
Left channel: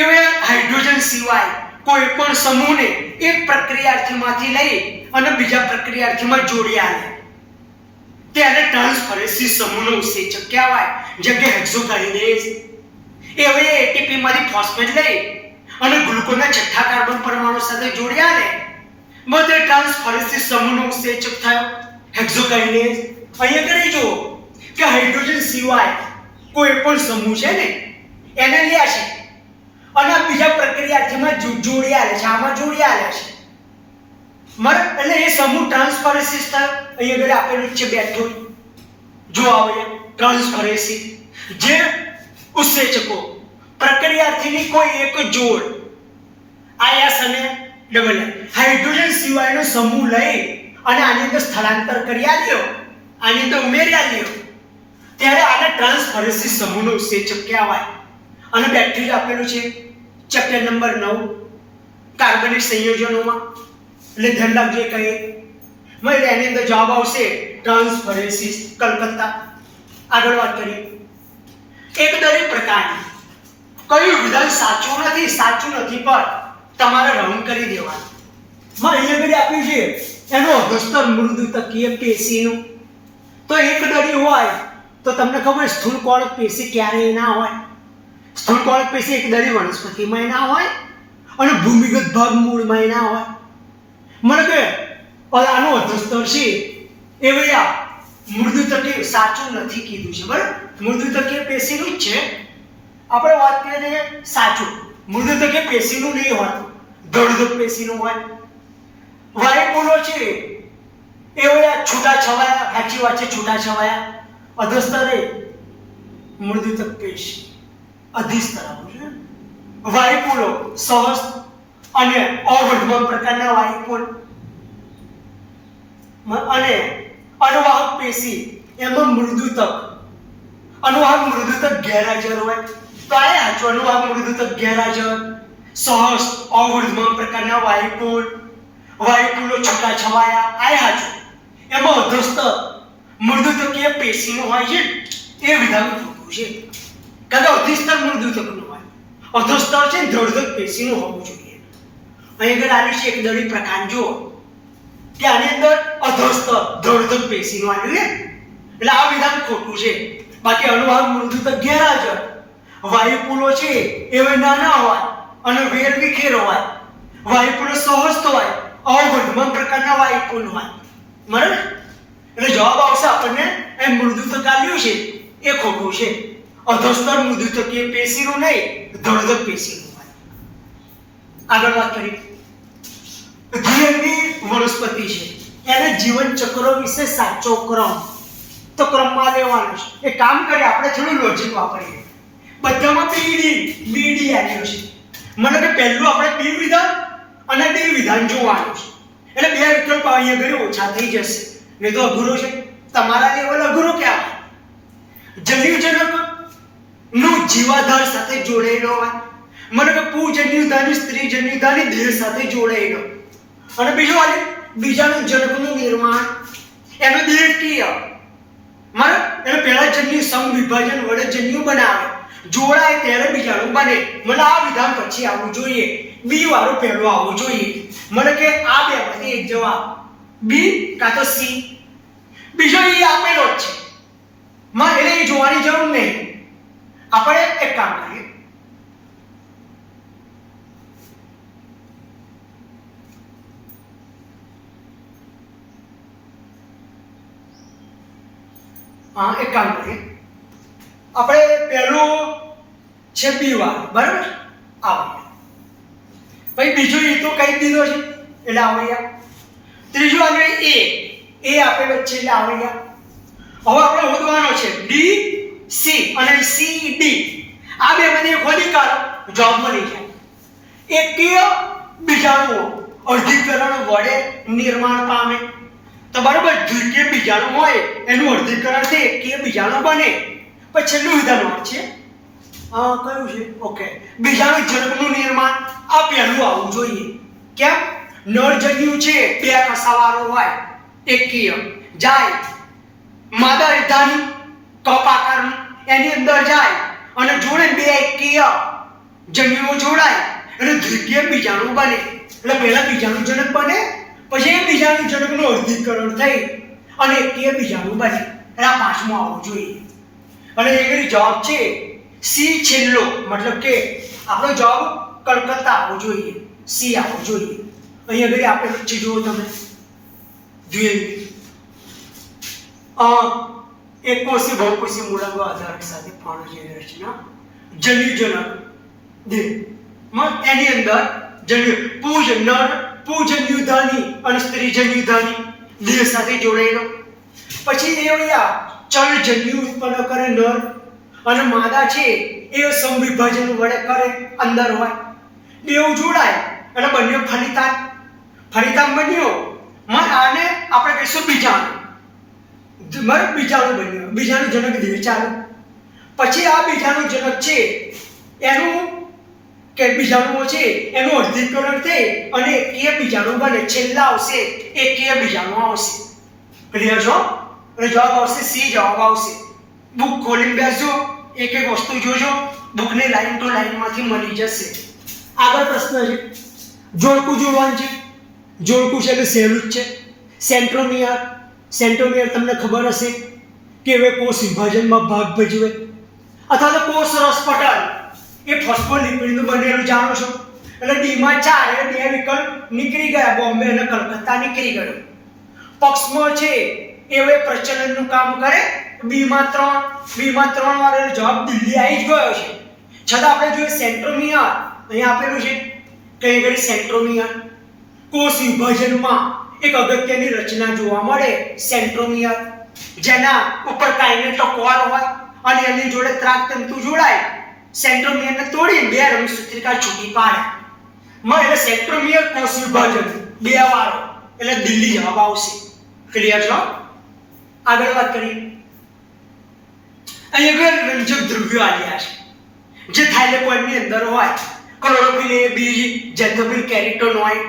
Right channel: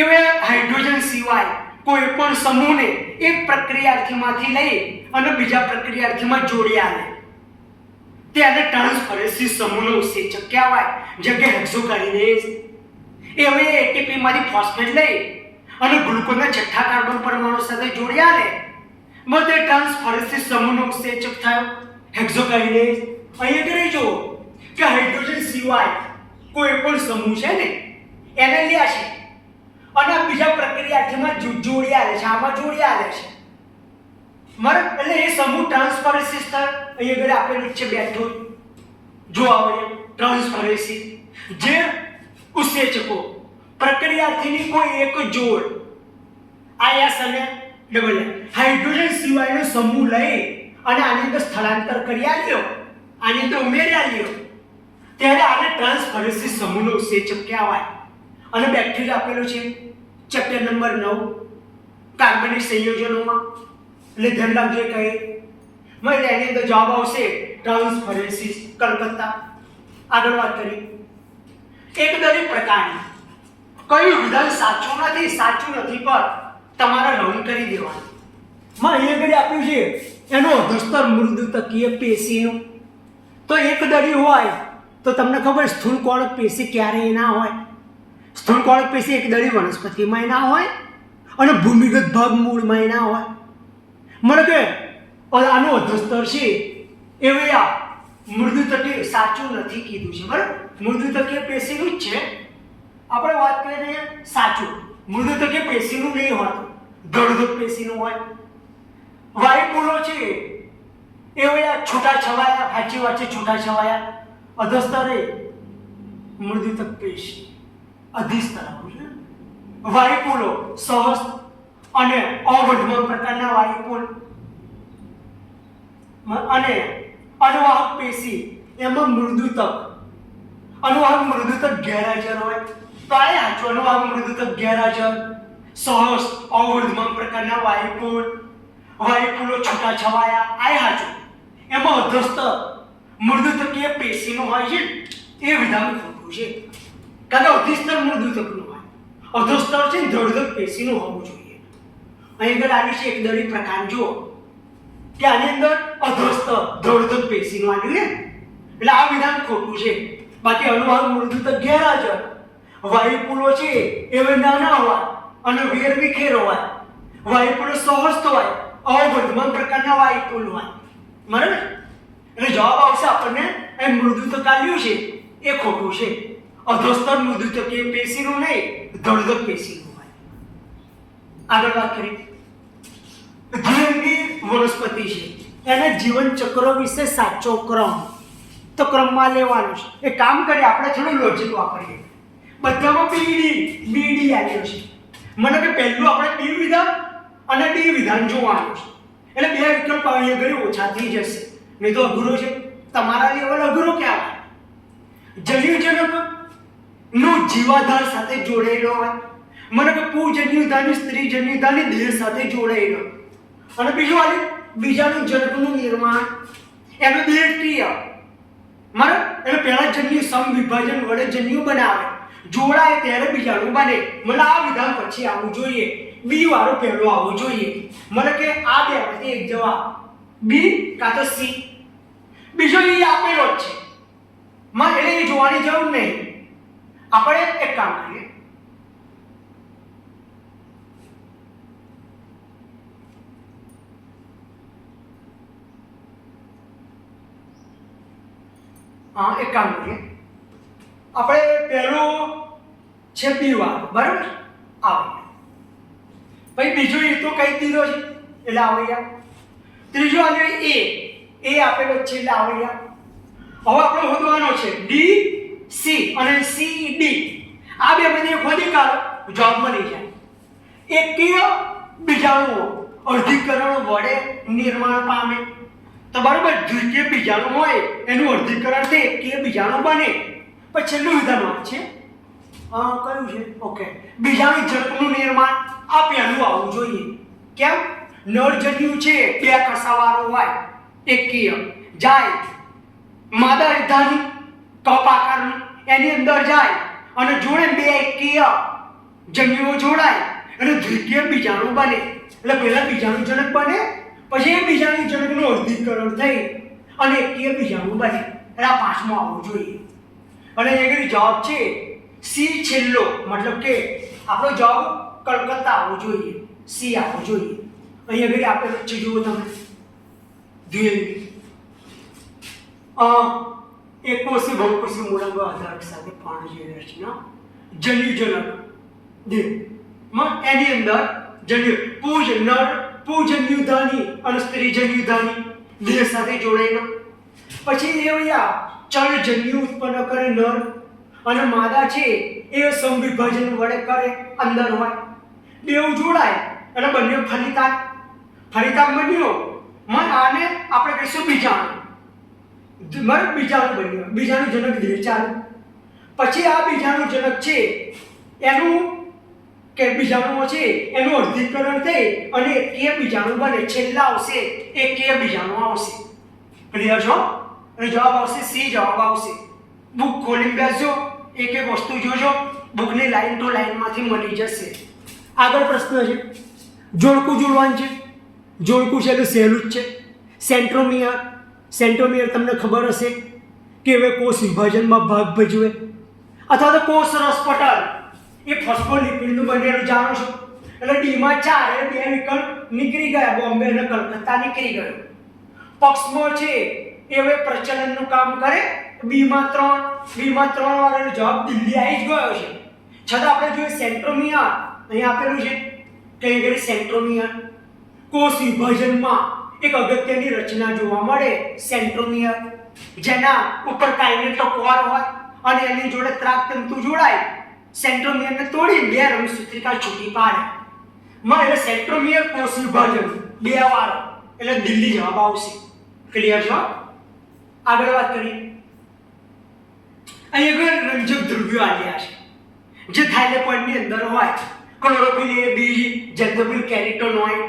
એવે હાઇડ્રોજન સિવાય કોઈ પણ સમૂહને એક પ્રક્રિયાર્થીમાંથી લઈ અને બીજા પ્રક્રિયાર્થીમાં જોડી આલે ત્યારે ટ્રાન્સફરેન્સી સમૂહનો ઉત્સેચક કહેવાય. જેમ કે હેક્સોકાઇનેઝ એવે એટીપી માંથી ફોસ્ફેટ લઈ અને ગ્લુકોઝના છઠ્ઠા કાર્બન પરમાણુ સાથે જોડી આલે બધે ટ્રાન્સફરેન્સી સમૂહનો ઉત્સેચક થયો હેક્સોકાઇનેઝ. અહીંયા કરી જો કે હાઇડ્રોજન સિવાય કોઈ પણ સમૂહ છે ને એને લે છે અને બીજા પ્રક્રિયાર્થીમાં જોડી આલે છે, આમાં જોડી આલે છે. બરાબર, એટલે એ સમૂહ ટ્રાન્સફરેન્સી થાય. અહીંયા આગળ આપેલું છે બેઠું જો આવે ટ્રાન્સફરેન્સી જે ઉત્સેચકો પ્રક્રિયાર્થીની કોઈ એક જોડ આયસ અને ડબલ હાઇડ્રોજન સિવાયનો સમૂહ લઈ અને આની અંદર સ્થળાંતર કરી આલ્યો, આની અંદર ઉમેરી આલ્યો ત્યારે આને ટ્રાન્સફરેન્સી સમૂહનો ઉત્સેચક કહેવાય. અને બેક્ટેરિયા આપેલું છે ચેપ્ટર નંબર 9 કાર્બનિક સંયોજનોમાં. એટલે ધ્યાન રાખજો કહે એટલે એની અંદર જવાબ આવશે ટ્રાન્સફરેન્સી કલકત્તા. આગળ વાત કરીએ. એકદળી પ્રકારની કયું વિધાન સાચું નથી પર તમારે રાઉન્ડ કરી દેવાનું. માં અહીંયા આપ્યું છે એનો અભસ્તર મૃદુતકીય પેશીનું. તો એકદળી હોય તો તમને ખબર સ્થૂળ કોળક પેશી ક્યારેય ના હોય. સ્થૂળ કોળક પેશી એકદળી વનસ્પતિમાં ના હોય અને ભૂમિગત ભાગ મૂળમાં ના હોય. મને કે આનો અધસ્તર છે એવે આ મૃદુતકીય સાચું નથી કીધું છે, બરાબર. મૃદુતકીય પેશીનું જ છે. આપણે વાત કરીએ સાચું મૃદુતકીય પેશીનું નહીં હોતું, દળદળ પેશીનું હોય. વાયુપોલો છે એવે આ છૂટાછવાયા, સાચી વાત છે, છૂટાછવાયા. અધસ્તરે મૃદુતક પેશી અધિસ્તર આવું છે. વાયુપોલો સહસ્ત અને અવર્ધમાન પ્રકારના વાયુપોલ અને અનુવાહક પેશી એમાં અનુવાહક મૃદુતક ગેરહાજર હોય. તો આ સાચું, અનુવાહક મૃદુતક ગેરહાજર, સહસ્ત અવર્ધમાન પ્રકારના વાયુપોલો છૂટાછવાયા, આ સાચું. એમાં અધસ્તર મૃદુતકીય પેશીનું હોય છે એ વિધાન ખોટું છે. કારણ કે અધિસ્તર મૃદુતકનું હોય, અધસ્તર છે દળદળ પેશીનું હોવું જોઈએ. અહીં આગળ આવ્યું છે એકદળી પ્રકાર. જુઓ કે આની અંદર અધસ્તર દળદળ પેશીનું આવ્યું ને, એટલે આ વિધાન ખોટું છે. બાકી અનુવાહક મૃદુતક ગેરહાજર, વાયુપોલો છે એવે નાના હોય અને વેરવિખેર હોય, વાયુપોલો સહસ્ત હોય, અવર્ધમાન પ્રકારના વાયુપોલ હોય, બરાબર. એટલે જવાબ આવશે આપણને એ મૃદુતક આવ્યું છે એ ખોટું છે. અધસ્તર મૃદુતકીય પેશીનું નહીં, દળદળ પેશીનું હોય. આગળ વાત કરીએ. દ્વિઅંગી વનસ્પતિ છે એના જીવન ચક્ર વિશે સાચો ક્રમ તો ક્રમમાં લેવાનો છે. એ કામ કરીએ આપણે થોડું લોજિક વાપરીએ. બધામાં બીડી આવ્યો છે. મને કે પહેલું આપણે બી વિધાન અને ડી વિધાન જોવાનું છે. એટલે બે વિકલ્પ અહીંયા ઘરે ઓછા થઈ જશે, નહીં તો અઘરો છે. તમારા લેવલ અઘરો કહેવાય. જન્યુજનક નું જીવાધાર સાથે જોડાયેલો હોય. મને કે પુજન્યુધાની સ્ત્રી જન્યુધાની દેહ સાથે જોડાયેલો. અને બીજાનું જનકનું નિર્માણ એનો દેહકીય મારે એટલે પહેલા જન્યુ સમવિભાજન વડે જન્યુ બનાવે, જોડાય ત્યારે બીજાનું બને. મને આ વિધાન પછી આવવું જોઈએ, બી વાળું પહેલું આવવું જોઈએ. મને કે આ બેમાંથી એક જવાબ બી કાં તો સી. બીજો ઈ આપેલો જ છે, મને એટલે એ જોવાની જરૂર નહીં. આપણે એક કામ કરીએ, એક કામ કરીએ, આપણે પહેલું છે બી વાળો, બરાબર, આવે. પછી બીજું એ તો કહી દીધો છે એટલે આવી ગયા. ત્રીજું આગળ એ આપેલો છે એટલે આવી ગયા. હવે આપણે શોધવાનો છે ડી સી અને સી ડી, આ બે મને ખોદી કાઢો, જવાબ મળી જાય. એકીય બીજાણુઓ અર્ધીકરણ વડે નિર્માણ પામે. તો બરાબર, દ્વિકીય બીજાણુ હોય એનું અર્ધીકરણ થી એકીય બીજાણુ બને. પછી છેલ્લું વિધાન વાત છે, કયું છે? ઓકે, બીજાણુ જનકનું નિર્માણ. આ પહેલું આવવું જોઈએ. કેમ? નરજન્યુ છે બે કસાવાળો હોય, એકીય જાય, માદા વિધાની કપ આકારનું એની અંદર જાય અને જોડે બે એકીય જન્યુઓ જોડાય અને દ્વિકીય બીજાણુ બને. એટલે પહેલા બીજાણુ જનક બને, પછી એ બીજાણુ જનકનું અર્ધીકરણ થઈ અને એકીય બીજાણુ બને. એટલે આ પાંચમું આવવું જોઈએ. અને એ જવાબ છે સી છેલ્લો, મતલબ કે આપણો જવાબ કલકત્તા આવવો જોઈએ, સી આવવો જોઈએ. અહીં આગળ આપેલું છે, જુઓ તમે, એકકોષી બહુકોષી મૂળાંગો આધારક સાથે પાણ જેવી રચના. જન્યુજનક દેહ એની અંદર પૂજન્યુધાની અને સ્ત્રીજન્યુધાની દેહ સાથે જોડાયેલો. પછી એ ચલ જન્યુ ઉત્પન્ન કરે નર, અને માદા છે એ સમવિભાજન વડે કરે, અંદર હોય, બેઉ જોડાય એટલે બંને ફલિતાન બન્યો. આને આપણે કહીશું બીજાણુ. બીજાણુ બન્યો, બીજાણુ જનક દેહ ચાલુ. પછી આ બીજાણુ જનક છે એનું કે બીજાણુઓ છે એનું અર્ધીકરણ થઈ અને એકીય બીજાણુ બને. છેલ્લા આવશે એકીય બીજાણુ આવશે. ક્લિયર છો? અને જવાબ આવશે સી, જવાબ આવશે. બુક ખોલીને બેસજો, એક એક વસ્તુ જોજો, બુકની લાઈન ટુ લાઈનમાંથી મળી જશે. આગળ પ્રશ્ન છે, જોડકું જોડવાનું છે. જોડકું છે એટલે સહેલું જ છે. સેન્ટ્રોમિયર તમને ખબર હશે કે હવે કોષ વિભાજનમાં ભાગ ભજવે, અથવા તો કોષ રસપટલ એ ફોસ્ફોલિપિડનું બનેલું જાણો છો. એટલે ડીમાં 4 એટલે બે વિકલ્પ નીકળી ગયા, બોમ્બે અને કલકત્તા નીકળી ગયો. પક્ષમાં છે એ હવે પ્રચલનનું કામ કરે, બીમાં 3 વાળો જવાબ દિલ્હી આવી જ ગયો છે. છતાં આપણે જોઈએ સેન્ટ્રોમિયર અહીંયા આપેલું છે, કઈ ઘડી સેન્ટ્રોમિયર કોષ વિભાજનમાં એક અગત્યની રચના જોવા મળે, સેન્ટ્રોમિયર, જેના ઉપર કાઇનેટોકોર હોય અને એની જોડે ત્રાકતંતુ જોડાય, સેન્ટ્રોમિયરને તોડી બે રંગસૂત્રિકા છૂટી પાડે. એટલે સેન્ટ્રોમિયર કોષ વિભાજન બે વાળો એટલે દિલ્હી જવાબ આવશે. ક્લિયર છો? આગળ વાત કરીએ. અહીંયા રંજક દ્રવ્યો આલ્યા છે જે થાઇલેકોઇડની અંદર હોય. ક્લોરોફિલ એ, બી, ઝેન્થોફિલ કેરોટિનોઇડ.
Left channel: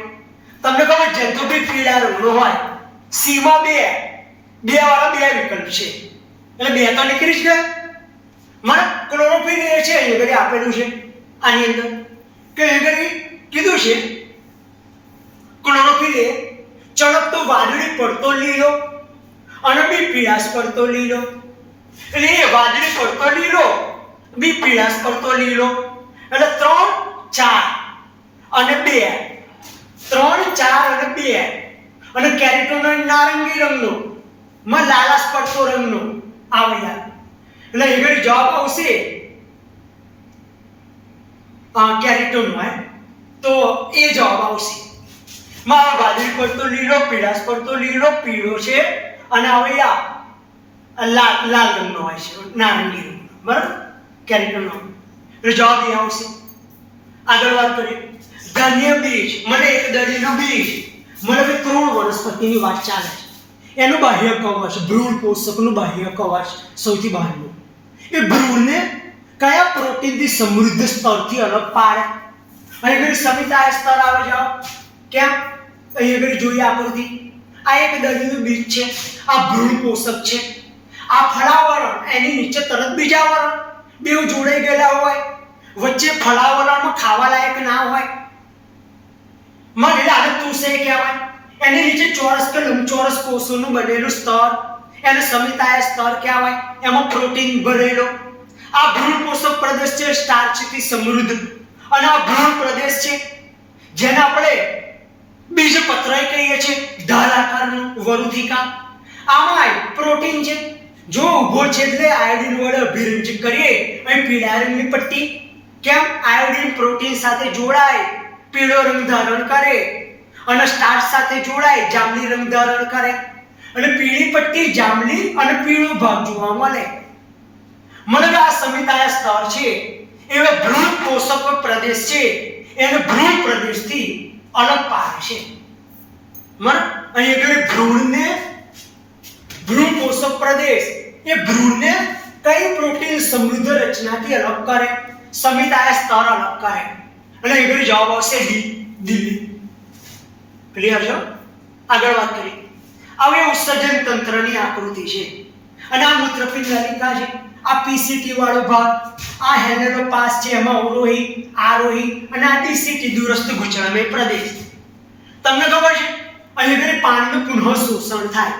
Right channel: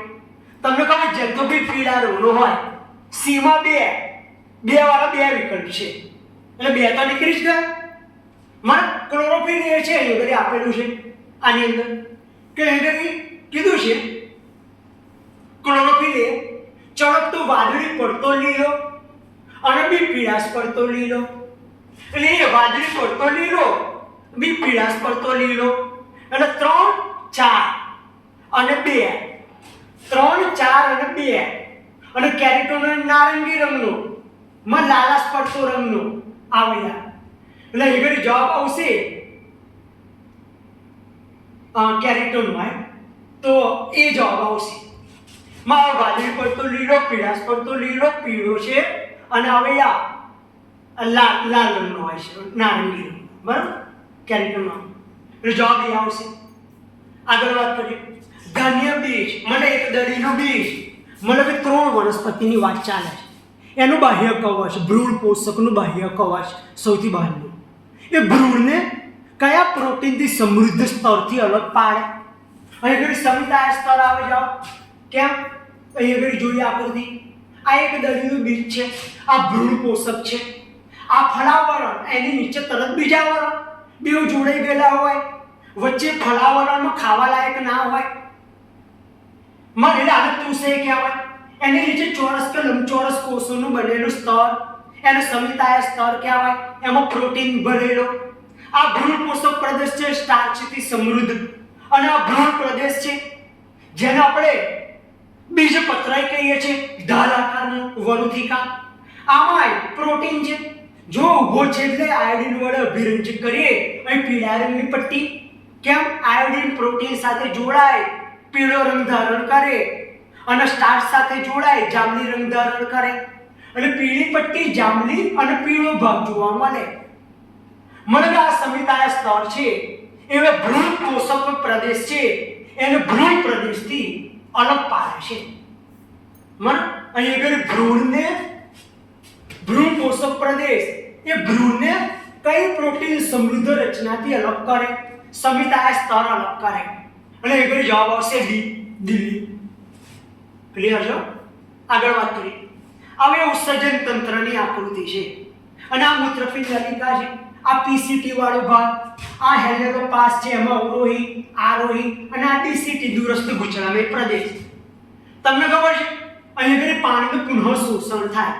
તમને ખબર ઝેન્થોફિલ પીળા રંગનો હોય. સી માં બે વાળા બે વિકલ્પ છે એટલે બે તો નીકળી જ ગયા. મને ક્લોરોફિલ એ છે એ આપેલું છે આની અંદર કે કીધું છે ક્લોરોફિલ એ ચળકતો વાદળી પડતો લીલો અને બી પીળાશ પડતો લીલો. એટલે એ વાદળી પડતો લીલો, બી પીળાશ પડતો લીલો, એટલે 3, 4 અને 2, 3, 4 અને 2. અને કેરોટિનોઇડ નારંગી રંગનો, લાલાશ પડતો રંગનો આવ્યા. એટલે એ ઘડી જવાબ આવશે કેરોટિનોઇડ, તો એ જવાબ આવશે. વાદળી પડતો લીલો, પીળાશ પડતો લીલો, પીળો છે અને હવે લાલ રંગનો હોય છે, નારંગી રંગ, બરાબર, કેરોટિનોઇડ. એટલે જવાબ એ આવશે. આગળ વાત કરીએ. ધાન્ય બીજ, મને એક દળીનું બીજ, મને કે 3 વનસ્પતિની વાત ચાલે છે. એનું બાહ્ય કવચ, ભ્રૂણ પોષકનું બાહ્ય કવચ સૌથી બહારનું. એ ભ્રૂણને કયા પ્રોટીનથી સમૃદ્ધ સ્તરથી અલગ પાડે? અહીં આગળ સમિતાય સ્તર આવે. જાઓ કેમ? અહીં આગળ જોઈએ આકૃતિ. આ એક દળીનું બીજ છે, આ ભ્રૂણ પોષક છે, આ ફળાવરણ, એની નીચે તરત બીજા વરણ, બેઉ જોડાઈ ગયેલા હોય, વચ્ચે ફળાવરણમાં ખાવા લાયક ના હોય, એટલે આને તુષે કહેવાય. એની નીચે ચોરસ કે લંબચોરસ કોષોનું બનેલું સ્તર, એને સમિતાય સ્તર કહેવાય. એમાં પ્રોટીન ભરેલો. આ ભ્રૂણ પોષક પ્રદેશ છે સ્ટાર્ચથી સમૃદ્ધ, અને આ ભ્રૂણ પ્રદેશ છે જેને આપણે બીજપત્રાય કહીએ છીએ, ઢાલ આકારનું વરુથિકા. આમાં પ્રોટીન છે. જો ઊભો છે એટલે આયોડિન વડે અભિરંજિત કરીએ અહીં પીળા રંગની પટ્ટી. કેમ? આયોડિન પ્રોટીન સાથે જોડાય પીળો રંગ ધારણ કરે, અને સ્ટાર્ચ સાથે જોડાય જાંબલી રંગ ધારણ કરે, અને પીળી પટ્ટી જાંબલી અને પીળો ભાગ જોવા મળે. મતલબ આ સમિતાય સ્તર છે એવા ભ્રૂણ પોષક પ્રદેશ છે એને ભ્રૂણ પ્રદેશથી અલગ પાડે છે. અહીં આગળ ભ્રૂણ પોષક પ્રદેશ એ ભ્રૂણને કઈ પ્રોટીન સમૃદ્ધ રચનાથી અલગ કરે? સમિતાય સ્તર અલગ કરે. અને આગળ જવાબ આવશે દિલ્હી. ક્લિયર છે? આગળ વાત કરીએ. હવે ઉત્સર્જન તંત્રની આકૃતિ છે, અને આ મૂત્રપિંડ નલિકા છે. આ પીસીટી વાળો ભાગ, આ હેલેરો પાસ છે, એમાં અવરોહી, આરોહી, અને આ ડીસીટી દૂરસ્થ ગુચળામય પ્રદેશ. તમને ખબર છે અહીં આગળ પાણીનું પુનઃ શોષણ થાય.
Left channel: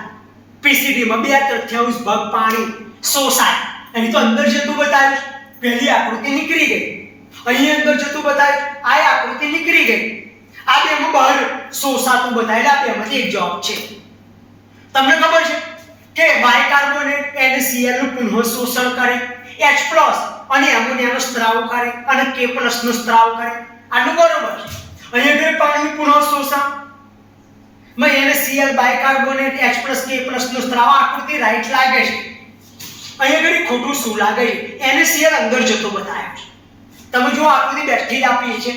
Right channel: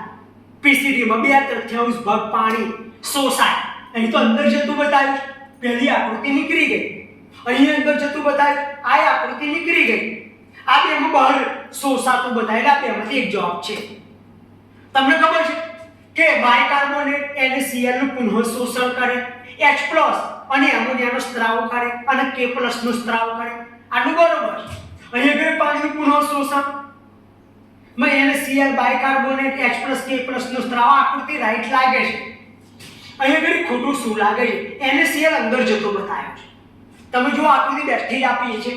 પીસીટીમાં 2/3 ભાગ પાણી શોષાય. અહીં તો અંદર જતું બતાવ્યું, પહેલી આકૃતિ નીકળી ગઈ. અહીં અંદર જતું બતાવ્યું, આ આકૃતિ નીકળી ગઈ. આ બેમાં બહાર શોષાતું બતાવેલા, આ બેમાંથી એક જવાબ છે. તમને ખબર છે કે બાયકાર્બોનેટ NaCl નું પુનઃ શોષણ કરે, H+ અને એમોનિયાનો સ્ત્રાવ કરે, અને K+ નો સ્ત્રાવ કરે. આનું બરોબર છે. અહીં આગળ પાણીનું પુનઃ શોષણ માં NaCl બાયકાર્બોનેટ H+ K+ નો સ્ત્રાવ, આકૃતિ રાઈટ લાગે છે. અહીં આગળ ખોટું શું લાગે છે? NaCl અંદર જતો બતાવ્યો છે. તમે જો આકૃતિ બેઠી જ આપી છે,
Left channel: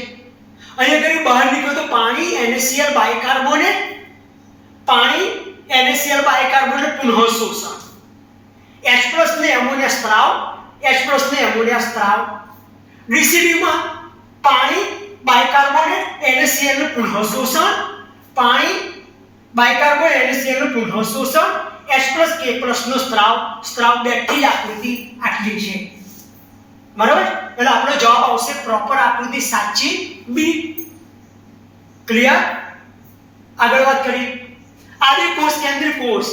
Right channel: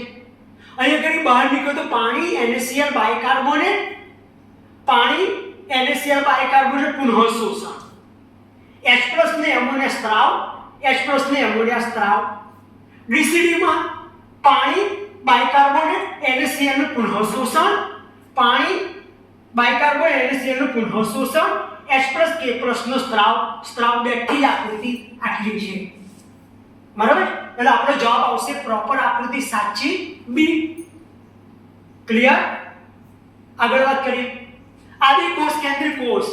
અહીં આગળ બહાર નીકળે તો પાણી NaCl બાયકાર્બોનેટ, પાણી NaCl બાયકાર્બોનેટ પુનઃ શોષણ, H+ ને એમોનિયા સ્ત્રાવ, H+ ને એમોનિયા સ્ત્રાવ. ડીસીડીમાં પાણી બાયકાર્બોનેટ NaCl નું પુનઃ શોષણ, પાણી બાયકાર્બોનેટ NaCl નું પુનઃ શોષણ, H+ K+ નો સ્ત્રાવ બેઠી જ આકૃતિ આટલી છે. બરાબર? એટલે આપણો જવાબ આવશે પ્રોપર આકૃતિ સાચી બી. ક્લિયર? આગળ વાત કરીએ. આદિકોષ કેન્દ્રીય કોષ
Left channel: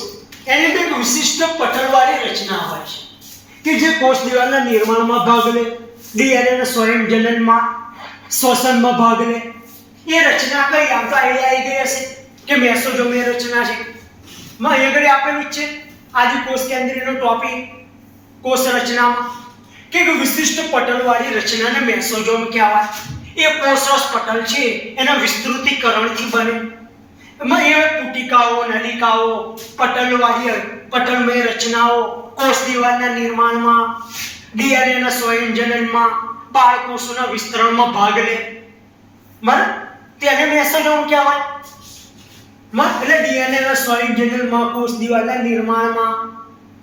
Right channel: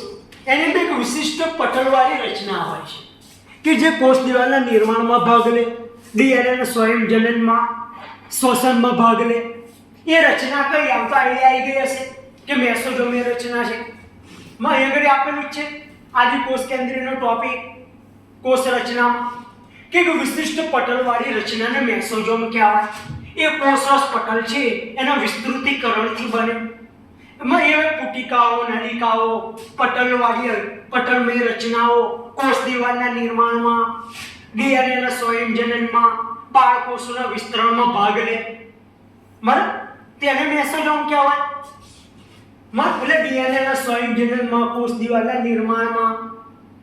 એની અંદર એક વિશિષ્ટ પટલવાળી રચના હોય છે કે જે કોષ દિવાલના નિર્માણમાં ભાગ લે, ડીએનએના સ્વયંજનનમાં, શ્વસનમાં ભાગ લે. એ રચના કઈ? આમ તો આઈડિયા આવી ગઈ હશે કે મેસોઝોમની રચના છે. માં અહીં આગળ આપેલું જ છે આદિકોષ કેન્દ્રીયનો ટોપિક કોષ રચનામાં કે વિશિષ્ટ પટલવાળી રચનાને મેસોઝોમ કહેવાય. એ કોષરસ પટલ છે એના વિસ્તૃતીકરણથી બને. એમાં એ પુટિકાઓ, નલિકાઓ, પટલમય રચનાઓ કોષ દિવાલના નિર્માણમાં, ડીએનએના સ્વયંજનનમાં, બાળકોષોના વિસ્તરણમાં ભાગ લે. બરાબર? તેને મેસોઝોમ કહેવાય. એટલે ડીએનએના સ્વયંજનનમાં, કોષ દિવાલના નિર્માણમાં,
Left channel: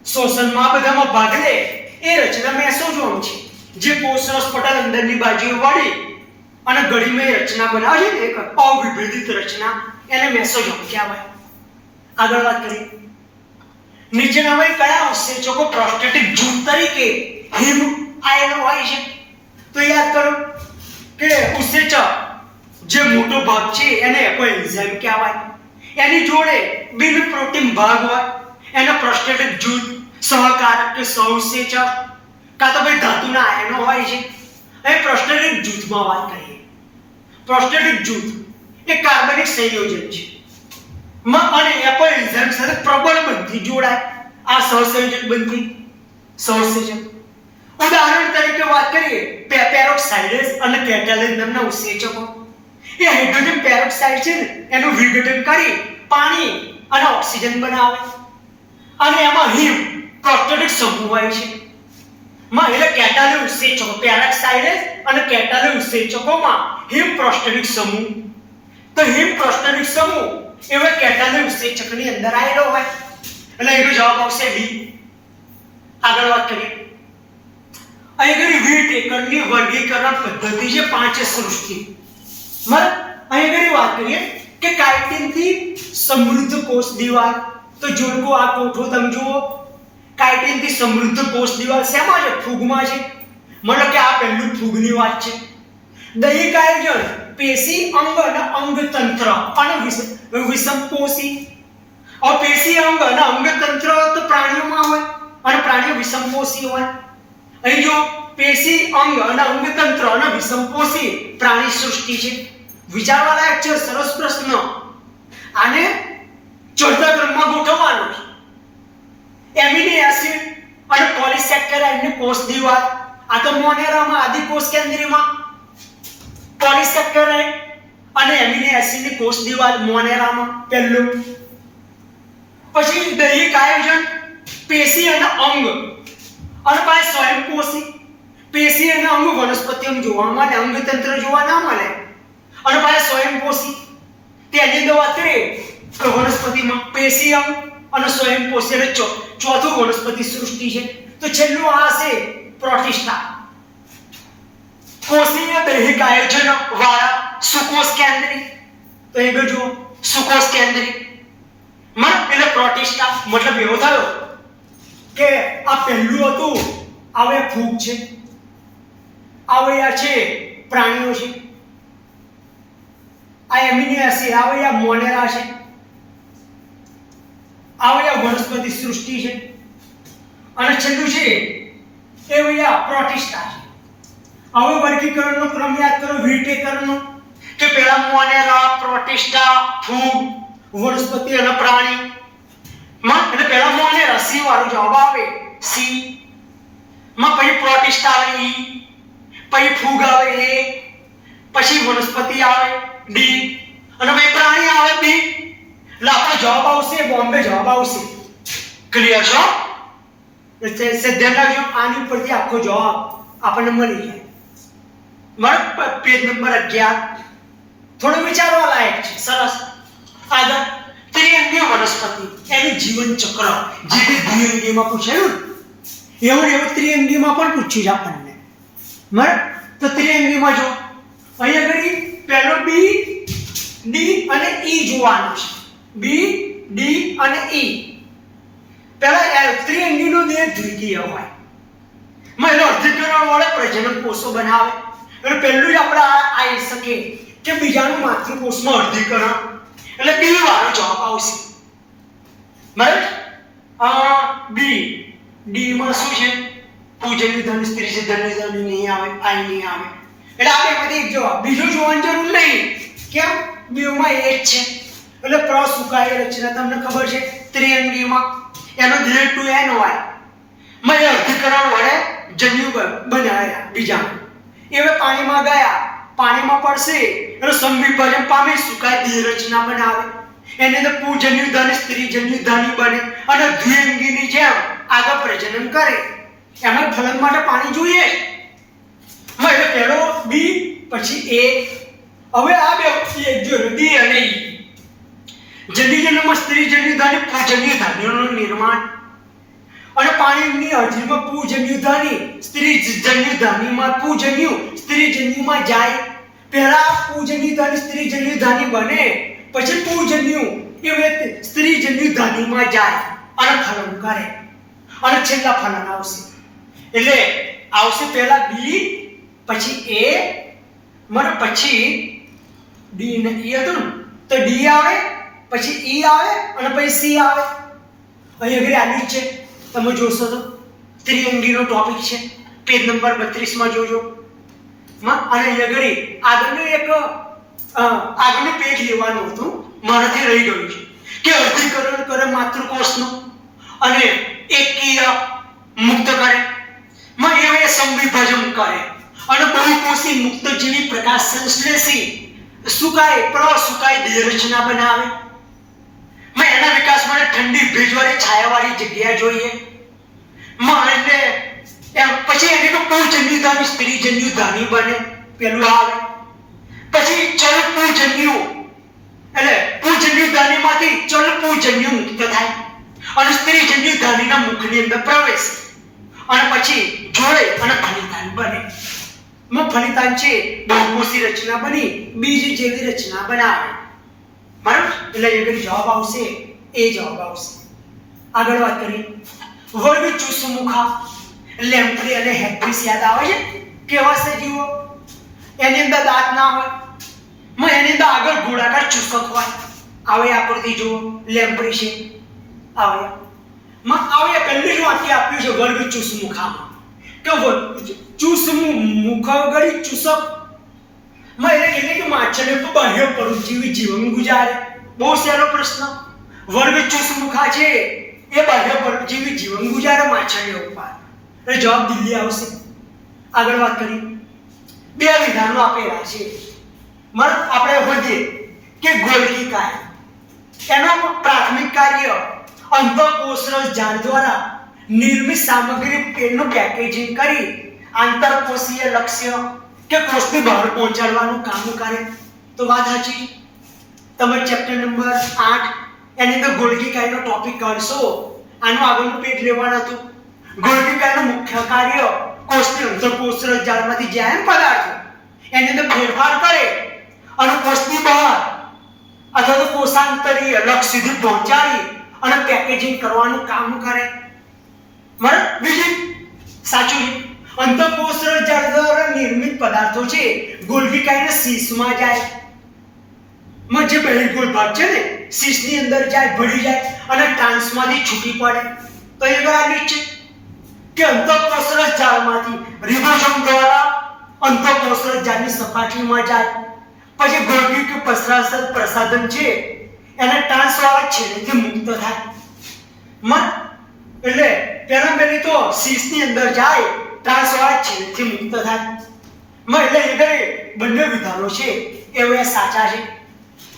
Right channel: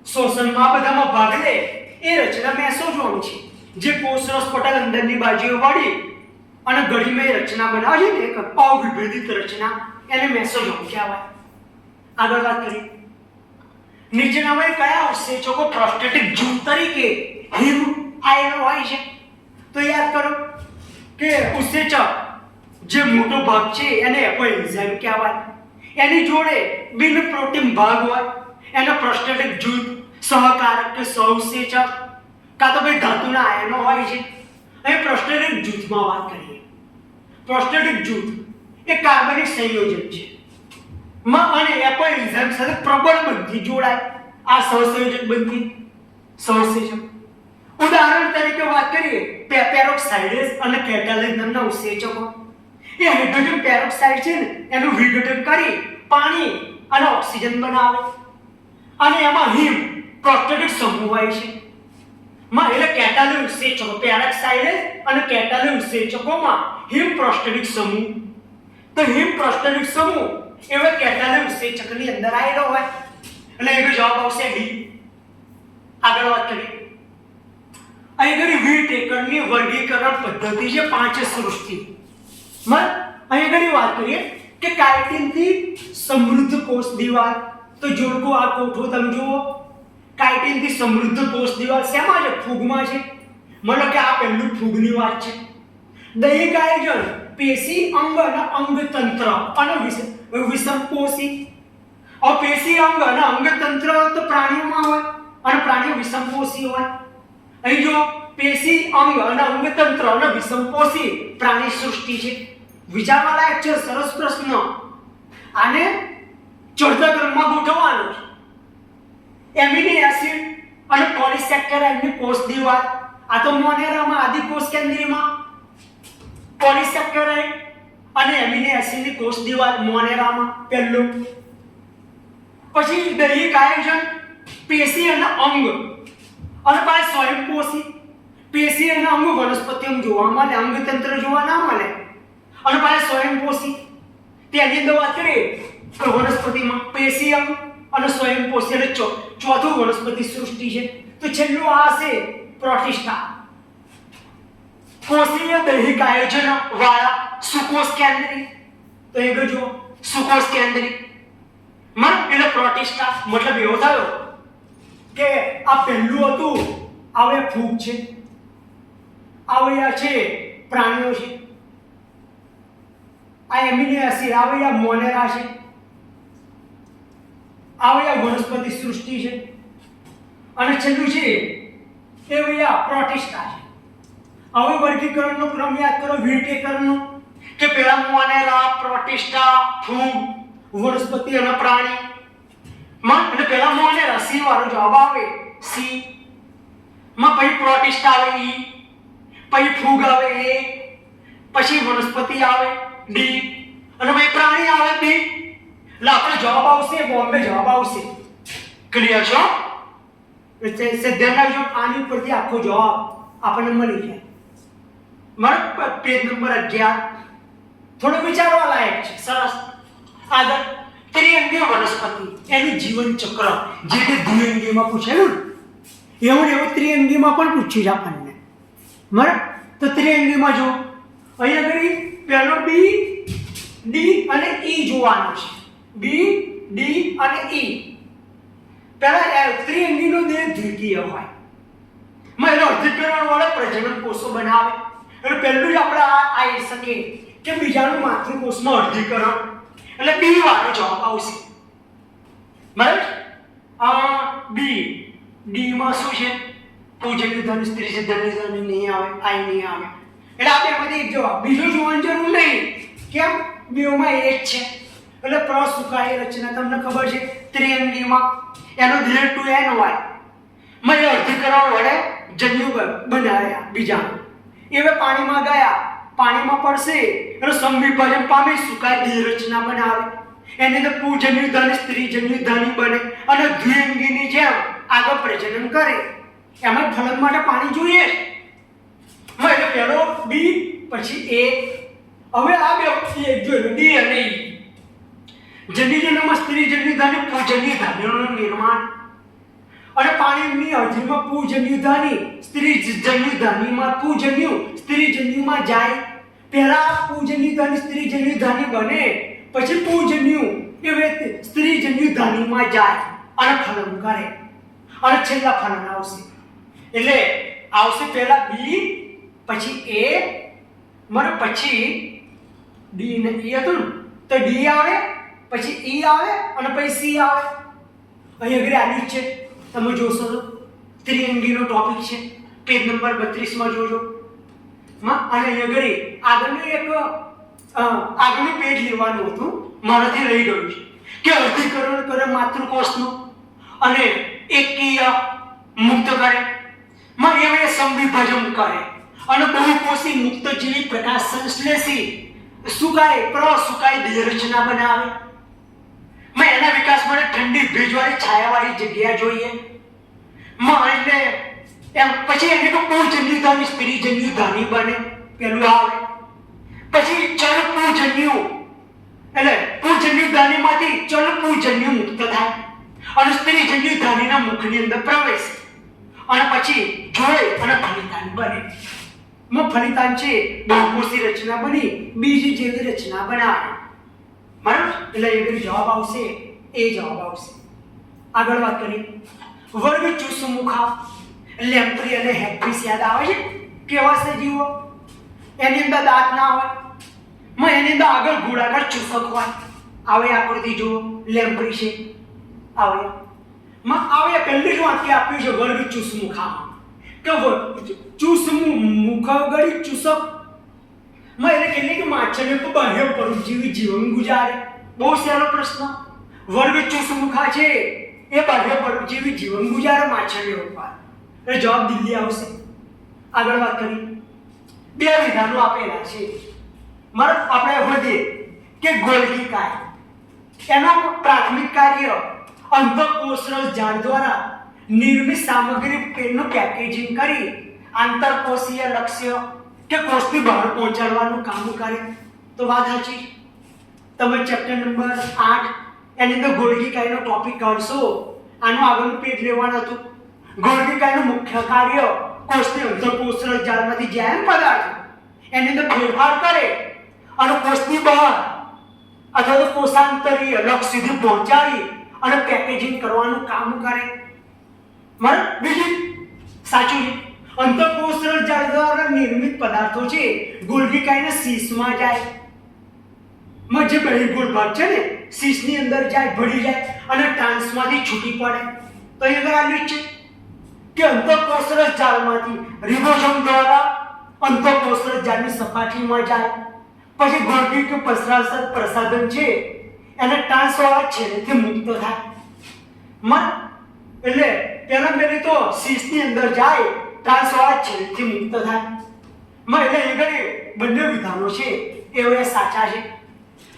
શ્વસનમાં, બધામાં ભાગ લે એ રચના મેસોઝોમ છે. જે કોષરસ પટલ અંદરની બાજુએ વળી અને ગળીમય રચના બનાવે છે ને, એક અવિભેદિત રચના, એને મેસોઝોમ કહેવાય. આગળ વાત કરીએ. નીચેનામાં કયા ઉત્સેચકો પ્રોસ્ટેટિક જૂથ તરીકે હિમ આયન હોય છે? તો યાદ કરો કે ઉત્સેચક જે મોટો ભાગ છે એને એન્ઝાઇમ કહેવાય. એની જોડે બિન પ્રોટીન ભાગ હોય એને પ્રોસ્ટેટિક જૂથ, સહકારક કે સહઉત્સેચક, કાં તો ભાઈ ધાતુના આયનો હોય છે. અહીં પ્રોસ્ટેટિક જૂથમાં વાત કરીએ. પ્રોસ્ટેટિક જૂથ એ કાર્બનિક સંયોજન છે અને એન્ઝાઇમ સાથે પ્રબળ બંધથી જોડાય. આ સહસંયોજક બંધી, સહઉત્સેચક. ઉદાહરણ તરીકે વાત કરીએ પેરોક્સાઇડેઝ અને કેટાલેઝ નામના ઉત્સેચકો. એ હાઇડ્રોજન પેરોક્સાઇડ છે ને એનું વિઘટન કરી પાણી અને ઓક્સિજન બનાવે, અને એમાં હિમ પ્રોસ્ટેટિક સમૂહ હોય છે. એટલે કેટાલેઝ ઉત્સેચકો, પેરોક્સાઇડેઝ અને કેટાલેઝ ઉત્સેચકોમાં હિમ પ્રોસ્ટેટિક સમૂહ. તો હિમ પ્રોસ્ટેટિક સમૂહ એવા કેટાલેઝ ઉત્સેચકની અંદર આવેલો હોય. એટલે એનો જવાબ આવશે ડી. આગળ વાત કરીએ. અહીં વિટેકરની વર્ગીકરણ પદ્ધતિ છે 5 સૃષ્ટિ. અહીં વાત કરીએ કે કાઇટિનથી સમૃદ્ધ કોષ દિવાલ. તો જોડકો આ કોઠો તમે જુઓ, કાઇટિનથી સમૃદ્ધ કોષ દિવાલ શેમાં છે? ફૂગમાં છે. મતલબ કે આ પહેલું ફૂગની વાત છે. દૈહિક આયોજન પેશી, અંગ અને અંગતંત્ર અને વિષમકોષી. પેશી, અંગ અને અંગતંત્ર તો પ્રાણીઓમાં હોય અને પ્રાણીઓ વિષમકોષી હોય. અહીં જો પેશી અંગ અને અંગતંત્ર અને વિષમપોષી પ્રાણી સૃષ્ટિ છે. વિચારવા લાયક છે, સરસ પ્રશ્ન. આને ચોથા ક્રમમાં ગોઠવવાનો છે. એમિનો એસિડ અને પોલિસેકેરાઇડની કોષ દિવાલ, આ તો મોનેરામાં આદિકોષ કેન્દ્રીયમાં પોલિસેકેરાઇડ અને એમિનો એસિડની કોષ દિવાલ મોનેરામાં પહેલું. પછી દૈહિક આયોજન પેશી અને અંગ અને પાછું સ્વયંપોષી પેશી અને અંગ વનસ્પતિઓમાં જોવા મળે, અંગતંત્ર જોવા ના મળે. અને પાછું સ્વયંપોષી તેની અંદર વાત કરીએ તો વનસ્પતિમાં પેશી અંગ અને સ્વયંપોષી એટલે ચોથું વનસ્પતિ સૃષ્ટિ છે. તો છેલ્લું આ છે પ્રોટિસ્ટા. કોષીય દૈહિક આયોજન વાળા સુકોષ કેન્દ્રી. તો એ જો સુકોષ કેન્દ્રી એટલે પ્રોટિસ્ટા. મતલબ એવો થયો કે આ પહેલું હતું, હવે ફૂગ છે, હવે આ છે પ્રાણીઓ છે, આ એમિનો એસિડ, હવે આ મોનેરા છે, હવે આ વનસ્પતિ સૃષ્ટિ છે, અને છેલ્લું છે એ આ પ્રોટિસ્ટા છે. હવે વર્ગીકરણનો ક્રમ યાદ કરો વિટેકરણનો, કે પહેલા મોનેરા, પ્રોટિસ્ટા, ફૂગ, વનસ્પતિ અને પ્રાણી. એટલે પહેલા મોનેરા સી વાળો જવાબ આવે સી માં, પછી પ્રોટિસ્ટા આવે ઈ, પછી ફૂગ આવે એ, પછી વનસ્પતિ આવે ડી, અને પછી પ્રાણી આવે બી. એટલે આપણો જવાબ આવશે બોમ્બે જવાબ આવશે. ક્લિયર છો? એટલે ધ્યાન રાખજો, આની પરથી આખો જવાબ આપણને મળી જાય. મારો પેજ નંબર 11 થોડો વિચારવા લાયક છે. સરસ. આગળ ત્રિઅંગીય વનસ્પતિ, એનું જીવન ચક્ર જે તે દ્વિઅંગીમાં પૂછેલું એવું ત્રિઅંગીમાં પણ પૂછ્યું છે આપણને. બરાબર? તો ત્રિઅંગીમાં જો અહીંયા આગળ પહેલો બી, ડી અને ઈ જોવાનો છે. બી, ડી અને ઈ. પહેલા ત્રિઅંગીનો દેહ દ્વિકીય હોય, એનો અર્ધીકરણ વડે પ્રજનન કોષો બનાવે. એટલે પહેલું જ આપણે આવી શકે કે બીજાનું માતૃકોષમાં અર્ધીકરણ, એટલે બી વાળો જવાબ આવશે. બરાબર? બી, ડી માં શું છે? પૂજનીય ધન, સ્ત્રી ધન નહીં આવે, આઈ નહીં આવે. એટલે આપણે એમાંથી એક જવાબ, બીજો જોવાની જરૂર નહીં. કેમ? બેમાં એ જ છે. એટલે પ્રસુકાય રચના તમને ખબર છે ત્રિઅંગીમાં એનો દેહ 2n હોય. મેં અર્ધીકરણ વડે જન્યુ બનાવ્યા બીજાનું. હવે પાણીમાં ગયા, પાણીમાં પડશે એનો સમવિભાજન પામે, સુકાય દેહ રચના બનાવે. એની અંદર પૂજન્યુ ધન, સ્ત્રીજન્યુ ધની બને અને દ્વિઅંગીની જેમ આગળ પ્રજનન કરે. એમાં ફલન માટે પાણી જોઈએ. એટલે પહેલો બી, પછી એ. હવે આ બે જો ડી અને ઈ. જન્યુજન્યમાં સ્ત્રીજન્યુ ધની, પૂજન્યુ ધનીનું નિર્માણ. અને પાણીની હાજરીમાં પૂજન્યુ ધની, સ્ત્રીજન્યુ ધનીમાં પૂજન્યુ, સ્ત્રીજન્યુમાં જાય. પહેલા પૂજન્યુ ધની, સ્ત્રીજન્યુ ધની બને, પછી પૂજન્યુ એ સ્ત્રીજન્યુ ધનીમાં જાય અને ફલન કરે, અને છેલ્લા ફલન આવશે. એટલે આવશે પહેલા બી, પછી એ, પછી ડી ને ઈ હતું ને, તો ડી આવે, પછી ઈ આવે અને પછી સી આવે. અહીં આગળ આની જ છે, તમે જોશો તો ત્રિઅંગીનો ટોપિક છે. પેજ નંબર 32 માં જોજો. અને અહીં આગળનું એક આગળનું પેજ લેવાનું હતું, મારાથી રહી ગયું છે. કે અર્ધીકરણ કરે માતૃકોષનું અને એકકીય મુક્ત કરે, એ સંવિભાજન કરે અને બહુકોષી મુક્તજીવી પ્રકાશ સંશ્લેષી સુકાય પ્રસુકાય દેહ રચના બનાવે. એના વિકાસ માટે ઠંડી ભેજવાળી છાયાવાળી જગ્યા જોઈએ. એટલે પછી એને તો પૂજન્યુ ધની, સ્ત્રીજન્યુ ધની બને, પેલું આવે. પછી ચલ પૂજન્યુ એટલે પૂજન્યુ ધનીમાંથી ચલ પૂજન્યુ મુક્ત થાય અને સ્ત્રીજન્યુ ધનીના મુખની અંદર પ્રવેશ, અને પછી જોડે અને ફલિતાન બને. ફલિતાન છે બહુકોષી રચના બની, બીજ જેવી રચના બનાવે. બરાબર? એટલે એ જવાબ આવશે, એ જવાબ આવશે. આગળ વાત કરીએ વર્ગ ચુસમુખા, લેમ્પ્રી અને હેપ્રિસ યાદ આવે છે? કેવા છે જીવો? એની અંદર દાંત ના હોય, એની અંદર આગળ ગોળાકાર ચુસક હોય. આવે આકૃતિ જુઓ, લેમ્પ્રી છે, આવે પહેલું જ વાક્ય આપ્યું છે વર્ગ ચુસમુખામાં. કે મુખગળી ચૂસક માં એટલે કેટલી કે માછલીઓ તો બાહ્ય પરજીવી જીવન ગુજારે. બહુ સહેલો પ્રશ્ન. વર્ગ ચૂસમુખા છે એ બાહ્ય પરજીવી જીવન ગુજારે માછલીઓ ઉપર. એટલે જવાબ દિલ્હી આવશે. આગળ વાત કરીએ. બે વિધાનો આપેલા છે. આપણે વધીએ કે ગોલ્ગી કાર્ય. એનું પ્રાથમિક કાર્ય અંતઃકોષરસ ઝાડ દ્વારા નિર્મિત સામગ્રીનું પેકેજિંગ કરી આંતરકોષીય લક્ષ્ય કે કોષની બહાર પહોંચાડવાનું કામ કરે. તો વાત સાચી. તમે ચેપ્ટર નંબર 8 એની અંદર ગોલ્ગી કાર્યનો ટોપિક કાઢશો. આનું આગળનું પેજ લેવાનું હતું. ગોલ્ગી કાર્યનું મુખ્ય કાર્ય કોષની અંતઃકોષરસ ઝાડમાંથી જેમ પદાર્થો એની અંદર ફેરફાર કરે અને કોષની બહાર અથવા તો કોષાંતરીય લક્ષ્ય સુધી પહોંચાડી અને પેકેજિંગ કરવાનું કામ કરે. બરાબર. બીજું સાચું છે. અંતઃકોષરસ ઝાડ દ્વારા નિર્મિત પદાર્થો છે ગોલ્ગી કાર્યના શીશમાં જાય. જે બહિર્ગોળ ભાગ છે ને શીશની અંદર જાય, ભળી જાય અને ટ્રાન્સમાંથી છૂટી પડે. તો એ ગણાય છે કે અંતઃકોષરસ ઝાડમાંથી રિબોસોમ દ્વારા અંતઃકોષરસ ઝાડની સપાટીમાં જાય. પછી ગોલ્ગી કે પ્રસાધન છે એને ટ્રાન્સવાળા છેડેથી મુક્ત થાય. એટલે પહેલી તો શીશની અંદર જાય, ટ્રાન્સવાળા છેડેથી મુક્ત થાય. એટલે એ ઘરે બંને વિધાનો છે એ સાચા છે.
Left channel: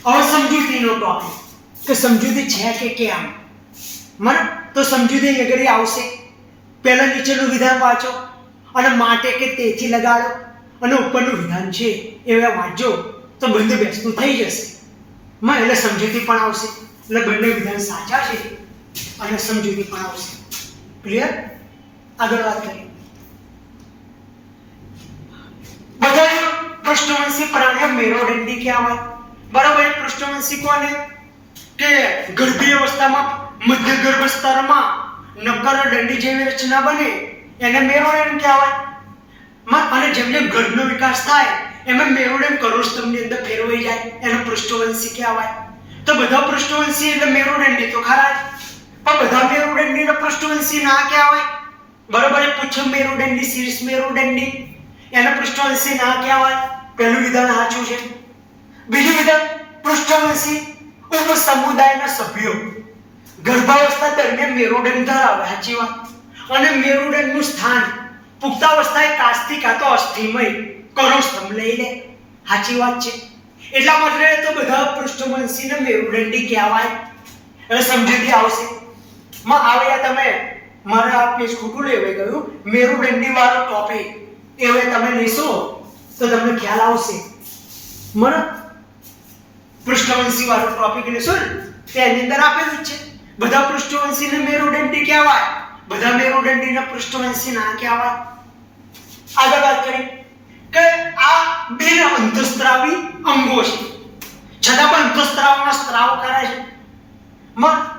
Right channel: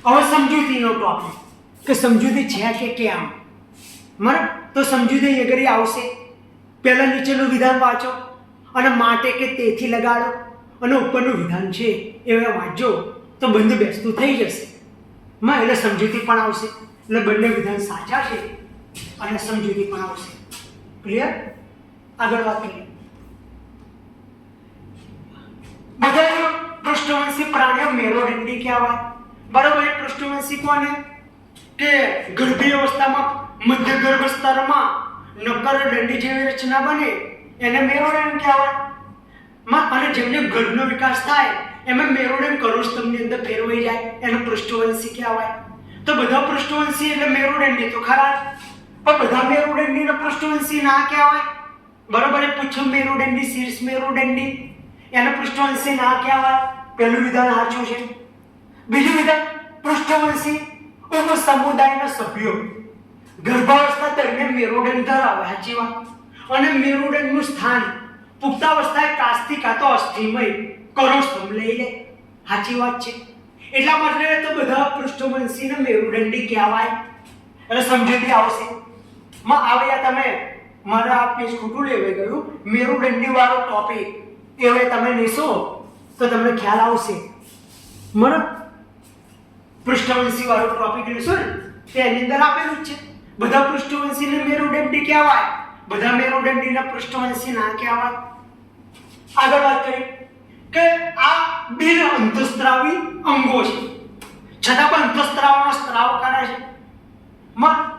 હવે સમજૂતીનો ટોપિક કે સમજૂતી છે કે કેમ. તો સમજૂતી એ ઘરે આવશે. પહેલા નીચેનું વિધાન વાંચો અને માટે કે તેથી લગાડો અને ઉપરનું વિધાન છે એ વાંચો તો બંને બેસતું થઈ જશે. એટલે સમજૂતી પણ આવશે. એટલે બંને વિધાન સાચા છે અને સમજૂતી પણ આવશે. ક્લિયર? આગળ વાત કરીએ. બધા પૃષ્ઠવંશી પ્રાણીઓ મેરુદંડી કહેવાય. બરાબર. પૃષ્ઠવંશી કોને? કે ગર્ભીય અવસ્થામાં મધ્ય ગર્ભ સ્તરમાં નક્કર દંડી જેવી રચના બને એને મેરુદંડ કહેવાય. અને જેમ જેમ ગર્ભનો વિકાસ થાય એમાં મેરુદંડ કરોડસ્તંભની અંદર ફેરવાઈ જાય એને પૃષ્ઠવંશી કહેવાય. તો બધા પૃષ્ઠવંશી એટલે મેરુદંડી તો ખરા જ. પણ બધા મેરુદંડીને પૃષ્ઠવંશી ના કહેવાય. બરાબર. પુચ્છ મેરુદંડી, શીર્ષ મેરુદંડી એને પૃષ્ઠવંશી ના કહેવાય. પહેલું વિધાન સાચું છે. બીજું વિધાન પૃષ્ઠવંશી ઉપસમુદાયના સભ્યો ગર્ભાવસ્થા દરમિયાન મેરુદંડ ધરાવે. સાચી વાત. અને મેરુદંડનું સ્થાન પુખ્તાવસ્થાએ કાસ્થી કાં તો અસ્થિમય કરોડસ્તંભ લઈ લે. સાચી વાત છે. એટલા માટે તો બધા પૃષ્ઠવંશીને મેરુદંડી કહેવાય. એટલે સમજૂતી આવશે. આવ્યા તમે મારે આ પેજ ખોટું લેવાઈ ગયું. મેરુદંડી વાળો ટોપિક એવે તમે લેશો તો તમને ખ્યાલ આવશે. પૃષ્ઠવંશી વાળો ટોપિક લેશો ને તેની અંદર આપેલું જ છે. બધા પૃષ્ઠવંશીને મેરુદંડી કહેવાય, બધા મેરુદંડીને પૃષ્ઠવંશી ના કહેવાય. આગળ વાત કરીએ કે આ બિન અંતઃસ્ત્રાવી અંગો છે છતાં પણ અંતઃસ્ત્રાવના સ્ત્રાવ કરે છે.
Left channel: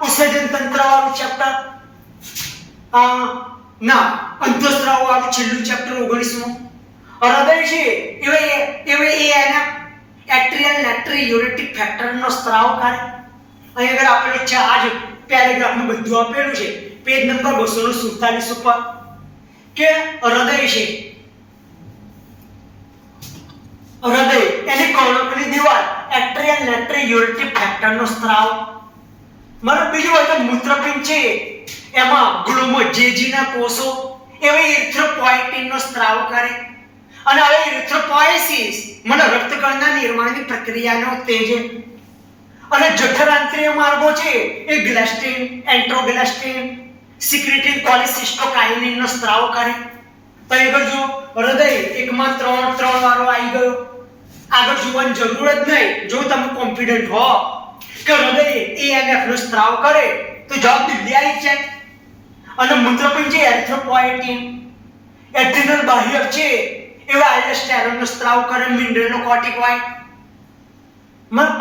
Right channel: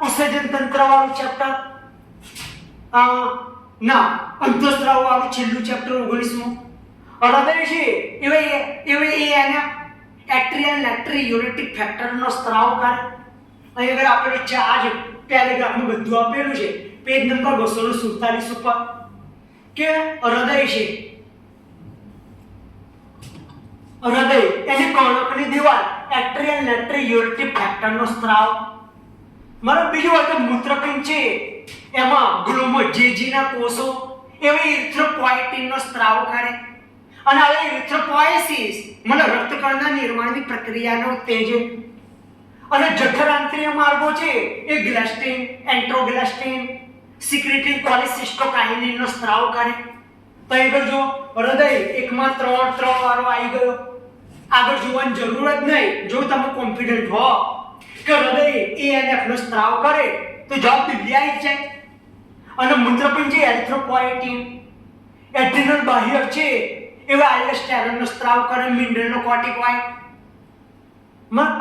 ઉત્સર્જન તંત્ર વાળું ચેપ્ટર અંતઃસ્ત્રાવ વાળું છેલ્લું ચેપ્ટર 19મું. હૃદય છે એના એટ્રિયલ નાઇટ્રિયુરેટિક ફેક્ટરનો સ્ત્રાવ કરે. અહીં આગળ આપેલું છે. આજ પેરેગ્રાફમાં બધું આપેલું છે. પેજ નંબર 247 ઉપર કે હૃદય છે એની કર્ણકની દિવાલ એટ્રિયલ નાઇટ્રિયુરેટિક ફેક્ટરનો સ્ત્રાવ. બીજું હોય તો મૂત્રપિંડ છે એમાં ગ્લોમોજેજીના કોષો ઇરિથ્રોપોએટિનનો સ્ત્રાવ કરે. અને હવે ઇરિથ્રોપોએસિસ રક્તકણના નિર્માણની પ્રક્રિયાનો ઉત્તેજે. અને જઠરાંતરીય માર્ગો છે એ ગ્લાસ્ટિન, એન્ટ્રોગ્લાસ્ટિન, સિક્રેટિન, કોલિસિસ્ટોકાઇનિનનો સ્ત્રાવ કરે. તો આગળ જો હૃદય એકમાં 3 વારો આવી ગયો. આગળ જોવાની જરૂર જ નહીં. જો તમે કોન્ફિડન્ટ હો કે હૃદય ANF નો સ્ત્રાવ કરે તો જવાબ દિલ્હી આવી જાય. અને મૂત્રપિંડ છે એરિથ્રોપોએટિન, એડ્રિનલ બાહ્યક છે એવા આલ્ડોસ્ટેરોનનો સ્ત્રાવ કરે, મિનરલનો કોર્ટિકોઇડ.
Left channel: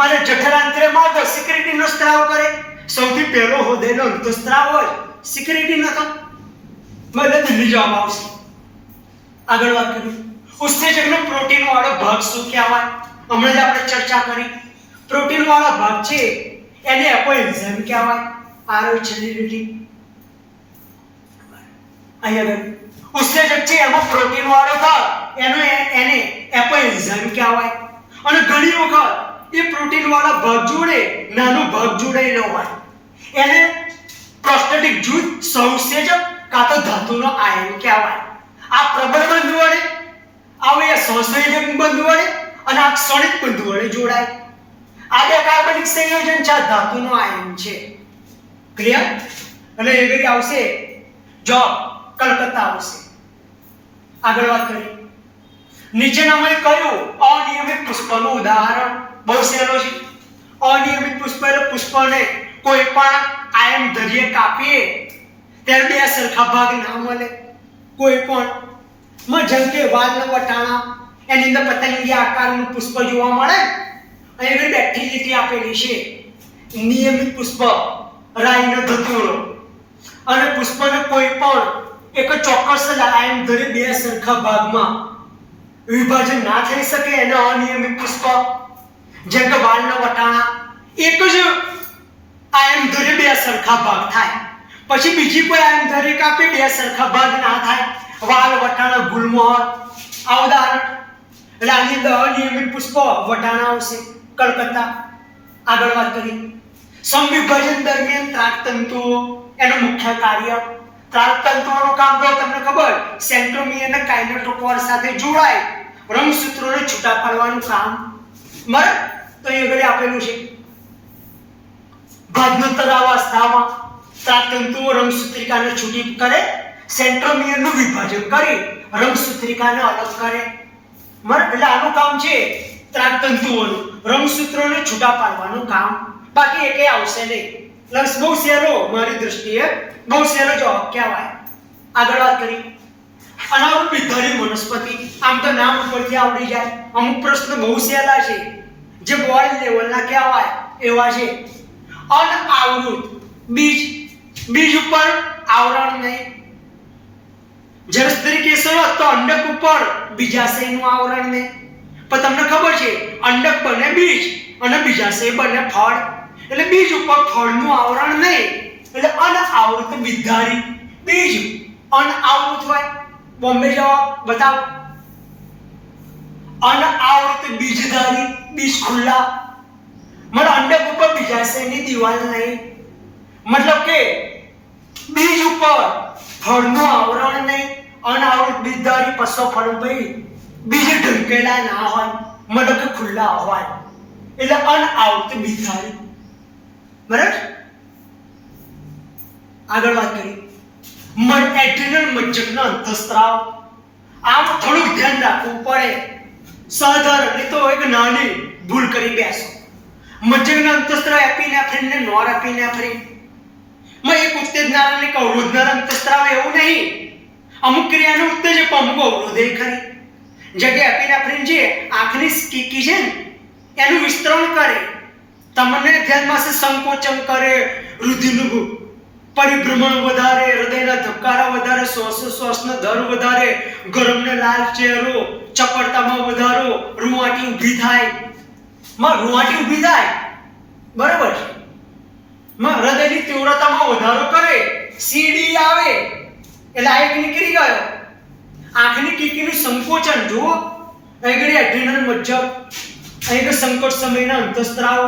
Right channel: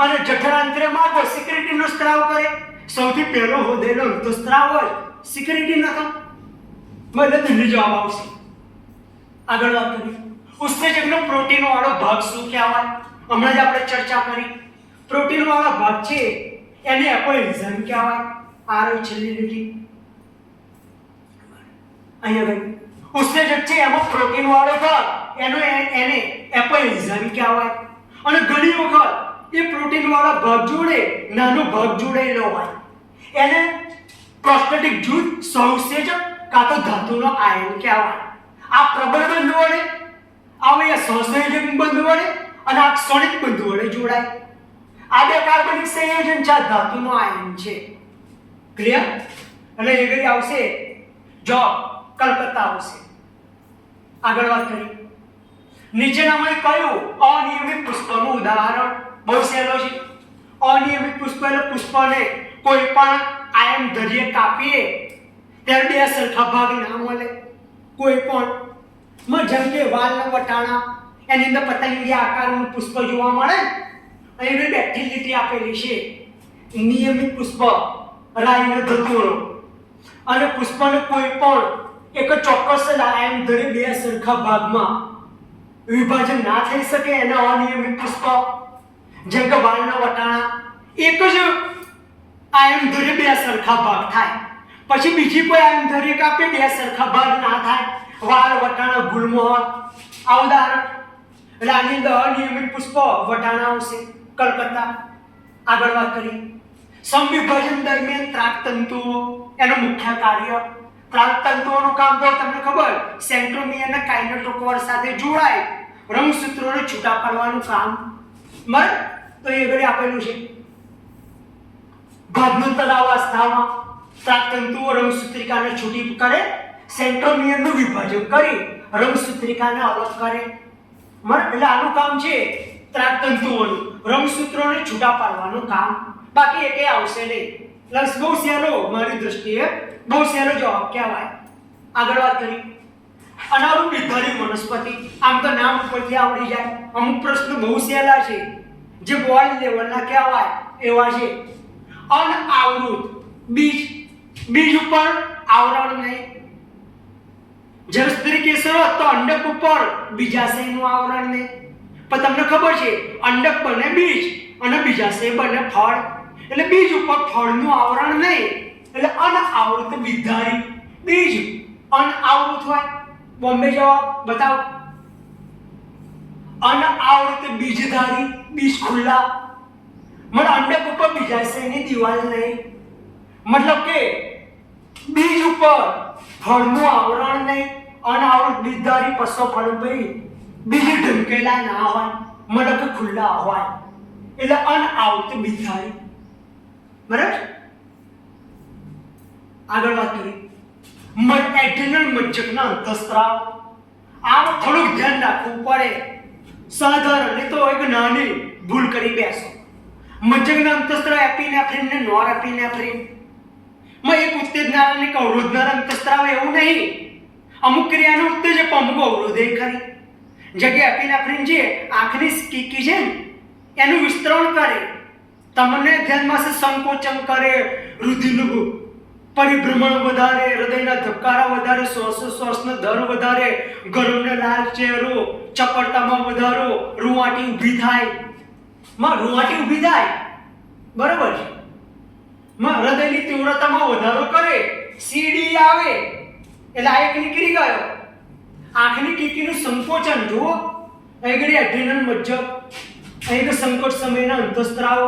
અને જઠરાંતરીય માર્ગો સિક્રેટિનનો સ્ત્રાવ કરે. સૌથી પહેલો હોદેલો અંતઃસ્ત્રાવ હોય સિક્રેટિન હતો. દિલ્હી જવાબ આવશે. આગળ વાત કરીએ. ઉત્સેચકનો પ્રોટીન વાળો ભાગ શું કહેવાય? હમણાં જ આપણે ચર્ચા કરી. પ્રોટીન વાળો ભાગ છે એને એપોએન્ઝાઇમ કહેવાય. આ છેલ્લી લીટી. અહીંયા આગળ ઉત્સેચક છે એમાં પ્રોટીન વાળો ભાગ એને એપલ એન્ઝાઇમ કહેવાય. અને ઘણી વખત એ પ્રોટીન વાળા ભાગ જોડે નાનો ભાગ જોડાયેલો હોય એને પ્રોસ્ટેટિક જૂથ સહઉત્સેચક કાં તો ધાતુનો આયન કહેવાય. આ પ્રબળ બંધ વડે આવે સહસંયોજક બંધ વડે અને આ ક્ષણિક બંધ વડે જોડાય. આ બે કાર્બનિક સંયોજન છે ધાતુનો આયન છે. ક્લિયર? અને એ ઘડી આવશે જો કલકત્તા આવશે. આગળ વાત કરીએ. નીચેનામાં કયું અનિયમિત પુષ્પનું ઉદાહરણ? બહુ સહેલો છે. અનિયમિત પુષ્પ એટલે પુષ્પને કોઈ પણ આયન ધરીએ કાપીએ ત્યારે બે સરખા ભાગ ના મળે. કોઈ પણ જેમ કે વાલના વટાણા એની અંદર પતંગિયા આકારનું પુષ્પ જોવા મળે. અહીં બેઠી લીટી આપેલી છે. નિયમિત પુષ્પ રાઈનો ધતુરો અને પુષ્પને કોઈ પણ એક ચોક્કસ આયન ધરી બે સરખા ભાગમાં વિભાજન ના થઈ શકે એને અનિયમિત પુષ્પ. જેમ કે વાલના વટાણા એક જ આયન ધરી બે સરખા ભાગ થાય, પછી બીજી કોઈ આયન ધરી કાપે બે સરખા ભાગ ના થાય. વાલ વટાણા ગુલમોહર આ ઉદાહરણ. એટલે આની અંદર અનિયમિત પુષ્પ વટાણા આવશે. કલકત્તા. આગળ વાત કરીએ. સમવિભાજન દરમિયાન ત્રાકતંતુઓ એનું મુખ્ય કાર્ય. ત્રાકતંતુઓનું કામ તો તમને ખબર, સેન્ટ્રોમિયર અને કાઇનેટોકોર સાથે જોડાય રંગસૂત્રોને છૂટા પાડવાનું કામ. બરાબર? તો એ ઘરે આપેલું છે. ભાજનોત્તર અવસ્થામાં ત્રાકતંતુઓ રંગસૂત્રિકાને છૂટી કરે, સેન્ટ્રોમિયરનું વિભાજન કરી રંગસૂત્રિકાને અલગ કરે. બરાબર? એટલે આનું કામ છે ત્રાકતંતુઓનું રંગસૂત્રોને છૂટા પાડવાનું કામ. બાકી એકે આવશે નહીં. લક્ષ બહુ સહેલો, મારી દ્રષ્ટિએ બહુ સહેલો જવાબ કહેવાય. આગળ વાત કરીએ. અનાવૃત બિનધારી વનસ્પતિ. આમ તો નામ ઉપરથી આવડી જાય. અમુક પ્રશ્ન બહુ સહેલા છે જે બોર્ડ લેવલના કહેવાય એવા છે. અનાવૃત બીજ, બીજ ઉપર આવરણ નહીં. જ્યારે સ્ત્રી કેસર હોત તો અંડક ઉપર બીજાશયનું આવરણ નહીં. પણ તમને ખબર છે અંડક બને બીજ અને બીજાશય બને ફળ. એટલે બીજ ઉપર ફળનું આવરણ નહીં એટલે અનાવૃત બિનધારી. બીજ અનાવૃત હોય. બોમ્બે જવાબ બતાવો. અનાવૃત બીજધારી, બીજ ખુલ્લા. मतलब अंडक ઉપર બીજાશયની દિવાલ નહીં. મતલબ કે બીજ ઉપર ફળનું આવરણ નહીં. અનાવૃત બીજધારી પસો ફળ ભાઈ બીજ ઢંકેલા ના હોય, મતલબ કે ખુલ્લા હોય એટલે અનાવૃત બીજધારી. બરાબર? આગળ વાત કરીએ. એડ્રેનલ મજ્જકના અંતઃસ્ત્રાવ. આમ થોડું ધ્યાન રાખવું પડે. સાધારણ નહીં તો એક નાની ભૂલ કરી બેસો. મજ્જકના અંતઃસ્ત્રાવ એપિનેફ્રિન ને નોર એપિનેફ્રિન માં એક ઉત્તેજનાર અને અવરોધનાર અંતઃસ્ત્રાવ એવું નહીં. અમુક ક્રિયાનું ઉત્તેજક અમુક અવરોધે ખરી. જગ્યા એપિનેફ્રિન છે આંખની કીકી છે એનું વિસ્તરણ કરે, તમને ધ્યાનમાં છે સંકોચન કરે, રુધિરનું પરિભ્રમણ વધારે, હૃદયના ધબકારા વધારે, શ્વાસનો દર વધારે, ગરમને લાલ ચહેરો, ચપળતામાં વધારો, રૂંવાટી ઊભી થાય. રૂંવાટી ઊભી થાય બરાબર છે. હૃદયની તીવ્રતામાં વધારો કરે, સીડી આવે એટલે આ એક નીકળી ગયો. આંખની કીકીનું સંકોચન જુઓ. અહીં એડ્રેનલ મજ્જક, અહીં સંકોચ સમયના અંતઃસ્ત્રાવ.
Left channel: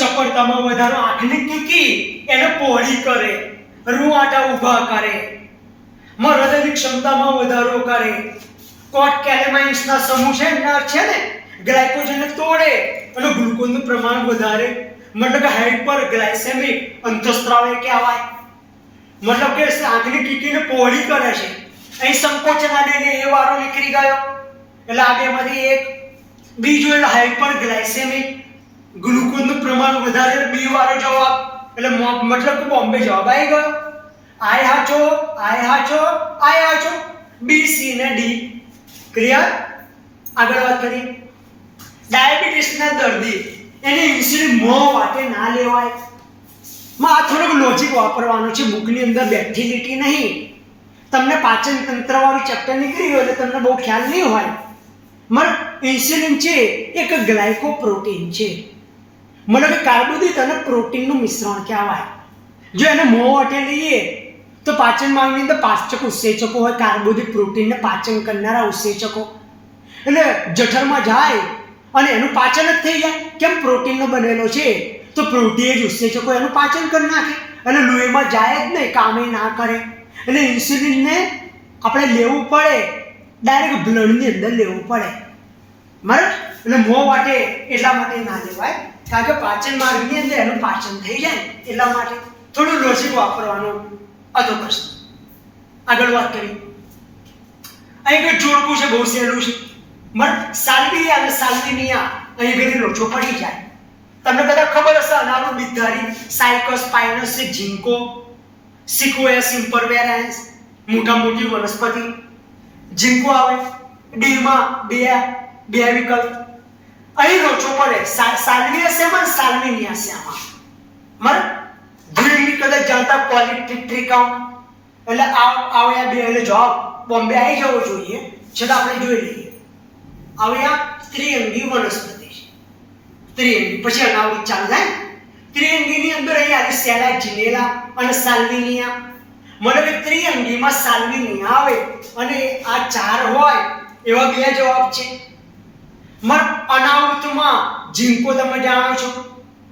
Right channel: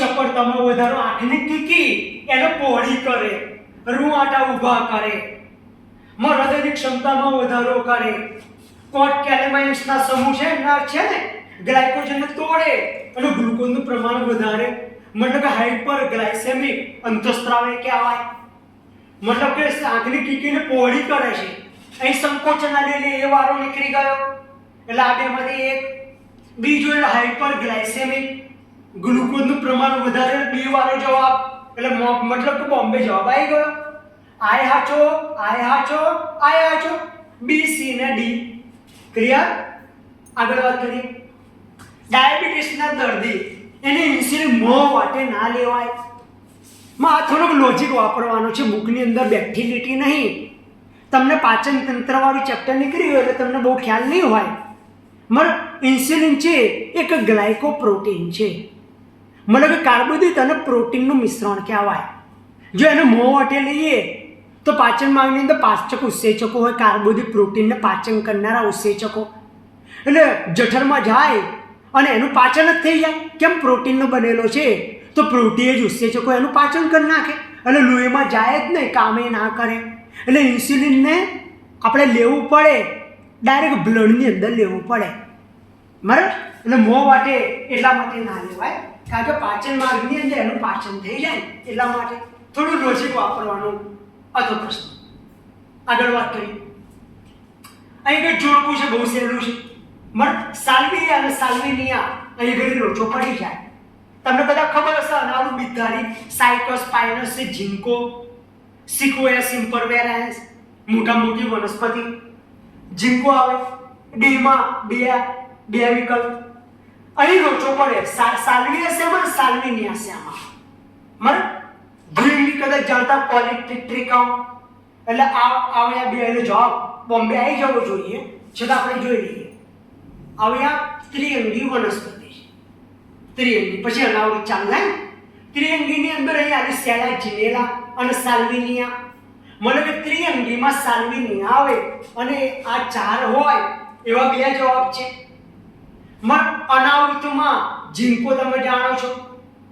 ચપળતામાં વધારો, આંખની કીકી એને પહોળી કરે, રૂંવાટા ઊભા કરે. હૃદયની ક્ષમતામાં વધારો કરે. કોટ કેલેમાઇન્સના સમૂહ છે ને ગ્લાયકોજનને તોડે અને ગ્લુકોઝનું પ્રમાણ વધારે. મતલબ કે હાઇપર ગ્લાયસેમિક અંતઃસ્ત્રાવ એ કહેવાય. મતલબ કે આંખની કીકીને પહોળી કરે છે. અહીં સંકોચન આડીને એ વારો નીકળી ગયો એટલે આ બેમાંથી એક. બીજું એટલે હાઇપર ગ્લાયસેમિક, ગ્લુકોઝનું પ્રમાણ વધારે. બી વાળો જવાબ એટલે મતલબ કે બોમ્બે જવાબ આવી ગયો. આય હાચો, આય હાચો, આય હાચો. બી, સી ને ડી. ક્લિયર? આગળ વાત કરીએ. ડાયાબિટીસના દર્દી એને ઇન્સ્યુલિન મોં વાટે ના લેવાય. આ થોડોક લોજિક વાપરવાનો છે. બુકની અંદર બેઠી લીટી નહીં. તમને પાચન તંત્ર વાળું ચેપ્ટર નીકળી ગયું એટલે તમને બહુ ખ્યાલ નહીં હોય. ઇન્સ્યુલિન છે એક ગ્લાયકોપ્રોટીન છે. મતલબ કે કાર્બોદિત અને પ્રોટીનનું મિશ્રણ કહેવાય. જો એને મોં વાટે લઈએ તો પાચન માર્ગની અંદર પાચક ઉત્સેચકો હોય, કાર્બોદિત પ્રોટીનને પાચન કરનારા ઉત્સેચકો. એટલે જઠરમાં જાય અને એનું પાચન જ થઈ જાય. કેમ? પ્રોટીનનો બનેલો છે તો પ્રોટીન જ ઉત્સેચકો એનું પાચન કરી નાખે અને લોહીમાં જાય જ નહીં, કામે ના કરે. એટલે ઇન્સ્યુલિનને આપણે લેવું પડે, ડાયરેક્ટ બ્લડની અંદર લેવું પડે, બરાબર. એટલે મોં વાટે એટલા માટે ના લેવાય, કારણ કે પાચન માર્ગની અંદર એનું પાચન થઈ જાય એટલા માટે થોડું લોજિક વાપરવાનું હતો પ્રશ્ન. આગળ વાત કરી. અહીં કંઈ જોડવું છે, બહુ સહેલું છે. સાલ્વિયા અને સાલ્વિનિયા અહીં ઘણી લોચો પડી જાય. તમને બધા ખબર હશે, અનાવૃત બિદ્ધારી, સાયકસ, સ્પાઇનસ, ઝિંકો, સિક્વોયા સિમ્પરવેરાન્સ, મોટા મોટી વનસ્પતિ. ઝિંકો આવે ડીમાં બે વિકલ્પ. અહીં લોચો પડે. સાલ્વિયા શેમાં, સાલ્વિનિયા શેમાં? બરાબર. દ્વિલિંગી કદાચ જાણતા, પોલિટ્રિકમ. એટલે આવ્યા બે એટલે જવાબ બોમ્બે આવી જવો જોઈએ, છતાં આપણે જોઈ લઈએ. આવ્યા ત્રિઅંગી વનસ્પતિ, ત્રિઅંગી. પછી અનાવૃત ચાલુ થાય. ત્રિઅંગીની અંદર અહીં આવી સેલા, જીનેલા અને સાલ્વિનિયા. મને કે ત્રિઅંગીમાં સાલ્વિનિયા આવે અને આ ચાર હોય એવા બે જવાબ છે. અનાવૃતમાં ઝિંકો તમે જાણો છો,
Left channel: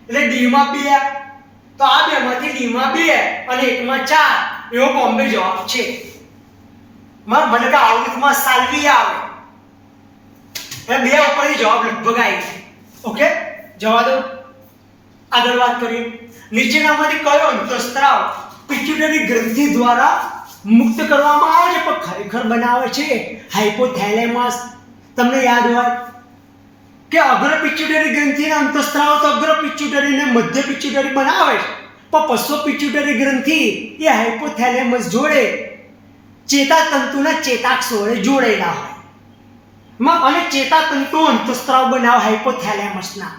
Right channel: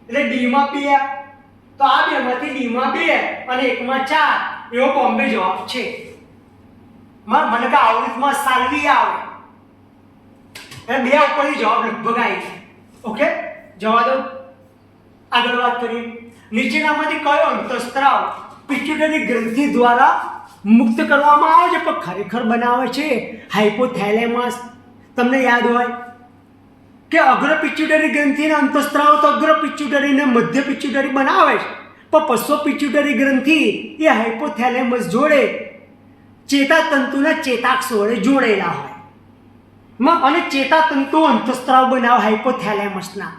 એટલે ડીમાં 2, તો આ બેમાંથી ડીમાં 2 અને એકમાં 4 એવો બોમ્બે જવાબ છે. મને કે આવૃતમાં સાલ્વિયા આવે એટલે બે ઉપરથી જવાબ લગભગ આવી જાય. ઓકે, જવા દો. આગળ વાત કરીએ. નીચેનામાંથી કયો અંતઃસ્ત્રાવ પિટ્યુટરી ગ્રંથિ દ્વારા મુક્ત કરવામાં આવે છે પણ ખરેખર બનાવે છે હાઇપોથેલેમસ? તમને યાદ હોય કે અગ્ર પિટ્યુટરી ગ્રંથિના અંતઃસ્ત્રાવ તો અગ્ર પિટ્યુટરી ને મધ્ય પિટ્યુટરી બનાવે છે, પણ પશ્ચો પિટ્યુટરી ગ્રંથિ એ હાઇપોથેલેમસ જોડે ચેતાતંતુના ચેતાક્ષ વડે જોડેલા હોય અને ચેતાતંતુ અંતઃસ્ત્રાવ બનાવે હાઇપોથેલેમસના.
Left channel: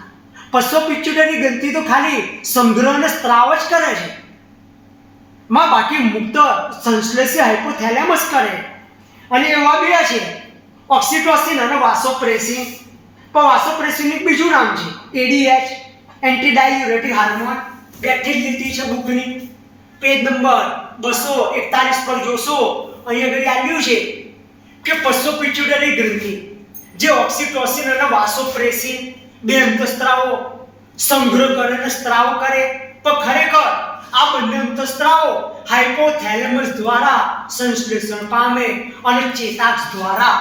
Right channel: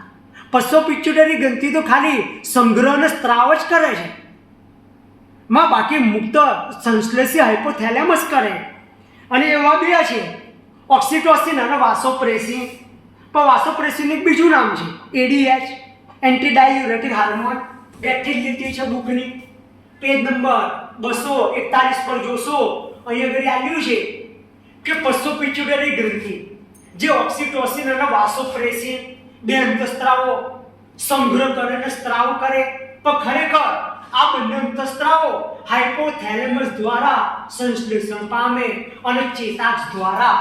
પશ્ચો પિટ્યુટરી ગ્રંથિ તો ખાલી સંગ્રહ અને સ્ત્રાવ જ કરે છે, બાકી મુક્ત સંશ્લેષી હાઇપોથેલેમસ કરે. અને એવા બે છે ઓક્સિટોસિન અને વાસોપ્રેસિન. પણ વાસોપ્રેસિનનું બીજું નામ છે એડીએચ, એન્ટી ડાયુરેટિક હાર્મોન. બેઠી લીધી છે બુકની પેજ નંબર 241 પર જોશો. અહીં આગળ આપ્યું છે કે પશ્ચો પિટ્યુટરી ગ્રંથિ જે ઓક્સિટોસિન અને વાસોપ્રેસિન બે અંતઃસ્ત્રાવો સંગ્રહ કરે અને સ્ત્રાવ કરે, પણ ખરેખર આ બંને અંતઃસ્ત્રાવો હાઇપોથેલેમસ દ્વારા સંશ્લેષણ પામે અને ચેતાક્ષ દ્વારા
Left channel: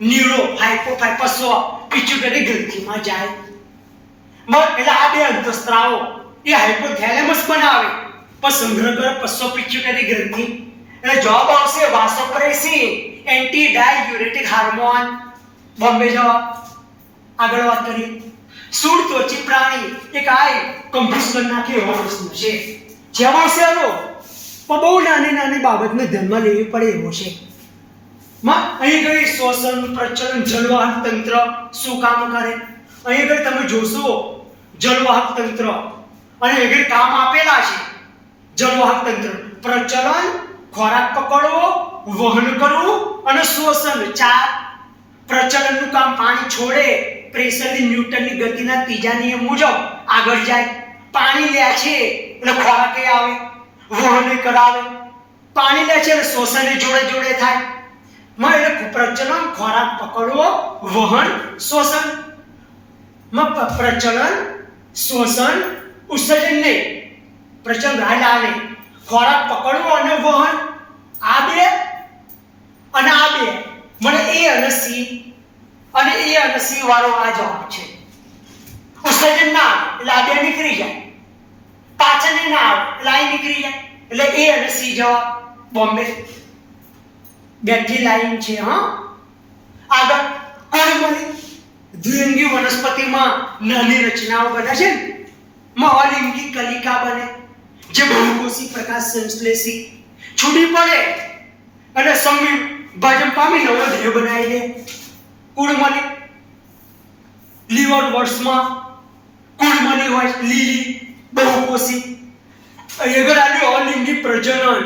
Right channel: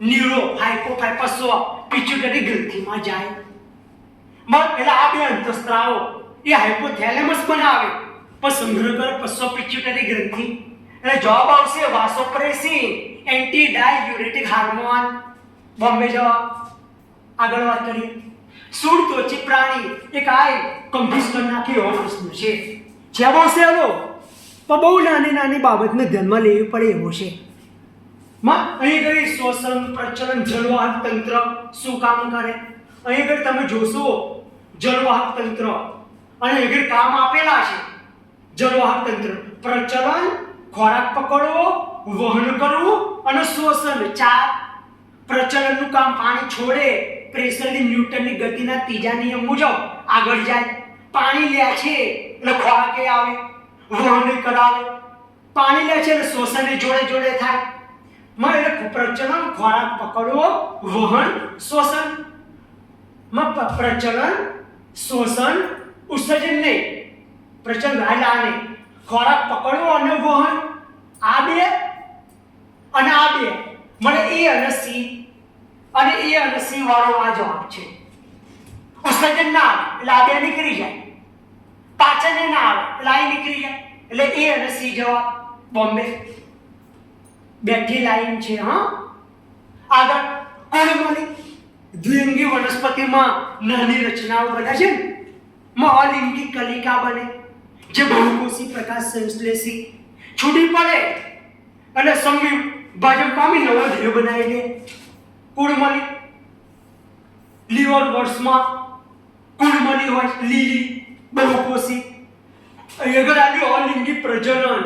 ન્યુરો હાઇપોથાઇપસ પિટ્યુટરી ગ્રંથિમાં જાય. એટલે આ બે અંતઃસ્ત્રાવો એ હાઇપોથેલેમસ બનાવે પણ સંગ્રહ કરે પશ્ચો પિટ્યુટરી ગ્રંથિ. એટલે જવાબ આવશે વાસોપ્રેસિન, એન્ટી ડાયુરેટિક હાર્મોન. બોમ્બે જવાબ. આગળ વાત કરીએ. સુડત્વચી પ્રાણી એક આય કન્ફ્યુઝ કરી નાખે એવો પ્રશ્ન છે. જવાબ આવશે આનો પણ બહુ નાની બાબતને ધ્યાનમાં લેવી પડે એવો છે. અહીં ગઈ શ્વસન, પ્રચલન, જલવાહક તંત્ર શું કામ કરે? અહીં આગળ તમે જોશો જલવાહક તંત્ર અને આગળ કામ આપેલા છે. જલવાહક તંત્ર પ્રચલન, ખોરાક પકડવો, વહન કરવું અને શ્વસન 4. પ્રચલનનું કામ પાણી છોડે, પ્રેશરથી ન્યૂટનની ગતિના ત્રીજા નિયમ મુજબ આગળ જાય. પાણી લે છે એટલે ખોરાકે આવે, વહન કરાવે. પાણી લે છે એટલે શ્વસન જોડે થાય. એટલે પ્રચલન, ખોરાક પકડવો, વહન, શ્વસન. પ્રચલન, શ્વસન, ઉત્સર્જન નહીં. પ્રચલન હાલે, ખોરાક પકડવો અને વહન, આ બે અને આ બે. મને એ અને સી વાળો આ જવાબ છે. ઉત્સર્જન ના આવે એટલે આ બે નીકળી જાય, પાચન ના આવે એટલે આ નીકળી જાય. એટલે એ અને સી જવાબ બોમ્બે. બેઠી લાઈન છે. આગળ કોળીમલી દ્વિઅંગી વનસ્પતિમાં નાની રચનાઓ બને છે ને, અલિંગી કલિકા બને જે બહુકોષી પ્રકાશ સંશ્લેષી છૂટી પડે અને સંવિભાજન પામી નવો દેહ બનાવી દે. કુળમલી લીવર વર્ષમાં કુળમલી હોય, લીલી બહુકોષી. અગર આલ્યું અલિંગી પ્રજનન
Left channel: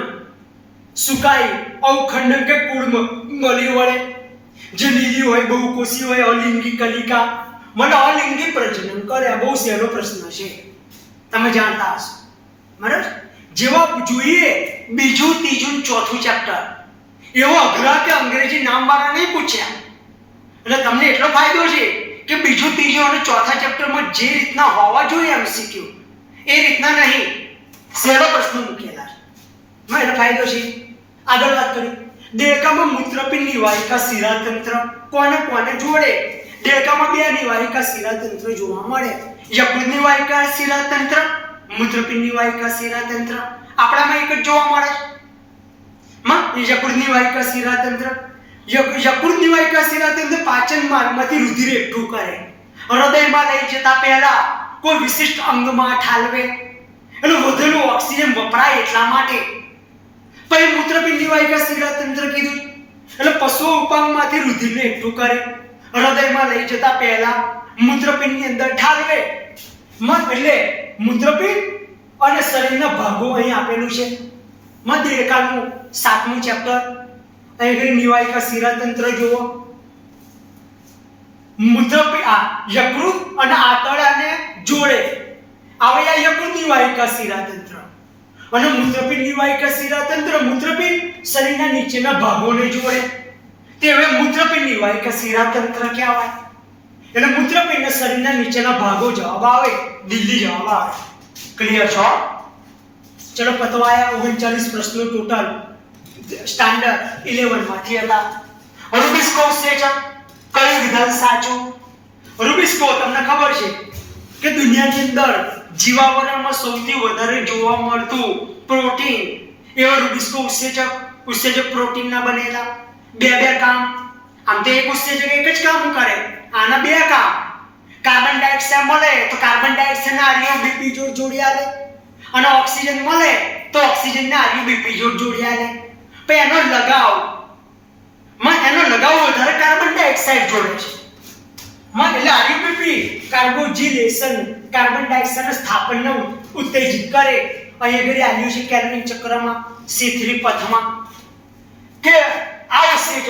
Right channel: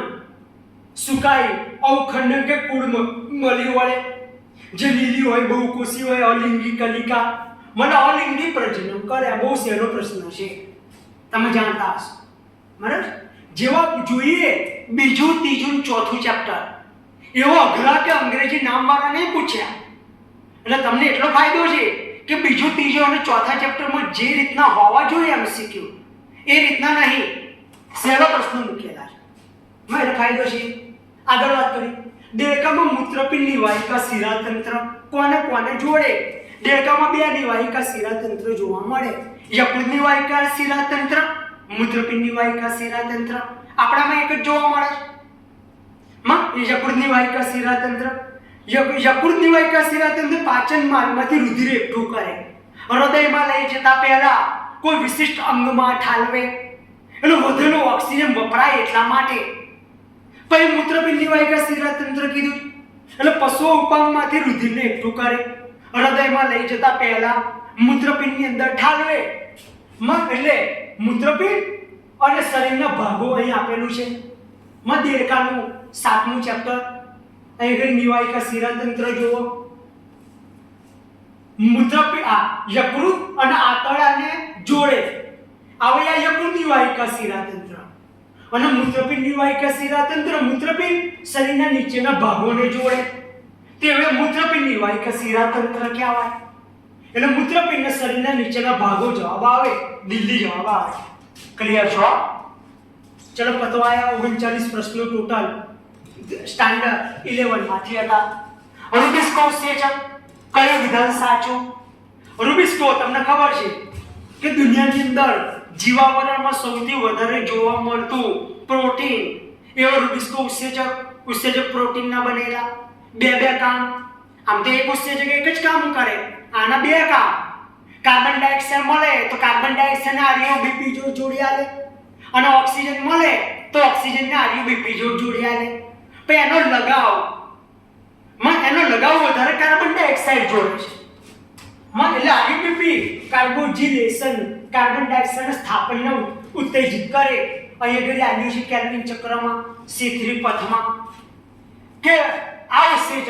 સુકાઈ અવખંડન કે કુળમલી વડે જે લીલી હોય, બહુકોષી હોય, અલિંગી કલિકા. મને અલિંગી પ્રજનન કરે. બહુ સહેલો પ્રશ્ન છે, તમે જાણતા હશો. બરાબર. જેવા જોઈએ બીજું ત્રીજું ચોથું ચેપ્ટર એવો અઘરા કે અંગ્રેજી નામવાળા નહીં પૂછ્યા. એટલે તમને એટલો ફાયદો છે કે બીજું ત્રીજું અને ચોથા ચેપ્ટરમાં જે રીતના હોવા જોઈએ MCQ એ રીતના નહીં, સહેલો પ્રશ્નો મૂકેલા છે. એનો ફાયદો છે. આગળ વાત કરી. દેડકામાં મૂત્રપિંડની વાહિકા શિરાતંત્ર કોને કોને જોડે? દેડકામાં બે નિવાહિકા શિરાતંત્ર જોવા મળે. યકૃતની વાહિકા શિરાતંત્ર, મૂત્રપિંડની વાહિકા શિરાતંત્ર. આપણામાં એક જ જોવા મળે છે. યકૃતની વાહિકા શિરાતંત્ર. યકૃતની વાહિકા શિરાતંત્ર પાચન માર્ગમાંથી રુધિર એકઠું કરે, હૃદયમાં લઈ જતા પહેલા કોઈ વિશિષ્ટ અંગમાં ઠાલવે, એટલે વધેલો ઓક્સિજન વપરાય એટલા માટે. પછી મૂત્રપિંડની વાહિકા શિરાતંત્ર કીધું એટલે પશુ ઉપાંગમાંથી રુધિરને એકઠું કરે, હૃદયમાં લઈ જતા પહેલા મૂત્રપિંડની અંદર ઠાલવે. એટલે મૂત્રપિંડ અને શરીરના ભાગો અહીં આપેલું છે. દેડકાનું 7મું ચેપ્ટર. અહીં નિવાહિકા શિરાતંત્ર જુઓ. યકૃત અને આંતરડાને જોડે આવે આ યકૃતની વાહિકા શિરાતંત્ર અને મૂત્રપિંડની વાહિકા શિરાતંત્ર. મૂત્રપિંડ શરીરના નીચેના ભાગોને જોડે તે હવે મૂત્રપિંડની વાહિકા શિરાતંત્ર કહેવાય. એટલે મૂત્રપિંડ શરીરના નીચેના ભાગો જવાબ આવે, દિલ્હી જવાબ આવે. ક્લિયર છો? ચલો પતવાયા 39 પ્રશ્નો ટોટલ સ્ટાન્ડર્ડ 11 માંથી હતા. રૂબિસ્કો ઉત્સેચક કયું વિધાન સાચું? રૂબિસ્કો તમને ખબર છે કે દુનિયાની અંદર જીવાવરણમાં સૌથી વધારે જોવા મળતું પ્રોટીન એવા રૂબિસ્કો ઉત્સેચક પ્રોટીનના બનેલા. બે કામ. આમ તો એક ઉત્સેચક એક જ કામ કરે, આના બે કામ. કાર્બન ડાયોક્સાઇડ મળે તો કાર્બન ડાયોક્સાઇડના આરયુબીપી જોડ જોડી આલે, અને ઓક્સિજન મળે તો ઓક્સિજનના આરયુબીપી જોડ જોડી આલે. પછી એનો લગાવ વધારે કાર્બન ડાયોક્સાઇડ જોડે છે. એટલે આરયુબીપી કાર્બોક્સિલેશન કાર્બન ડાયોક્સાઇડના સ્થાપનને ઉત્તેજિત કરે. અહીં આગળ આવ્યું છે કેલ્વિન ચક્રમાં C3 પથમાં કે આ ઉત્સેચક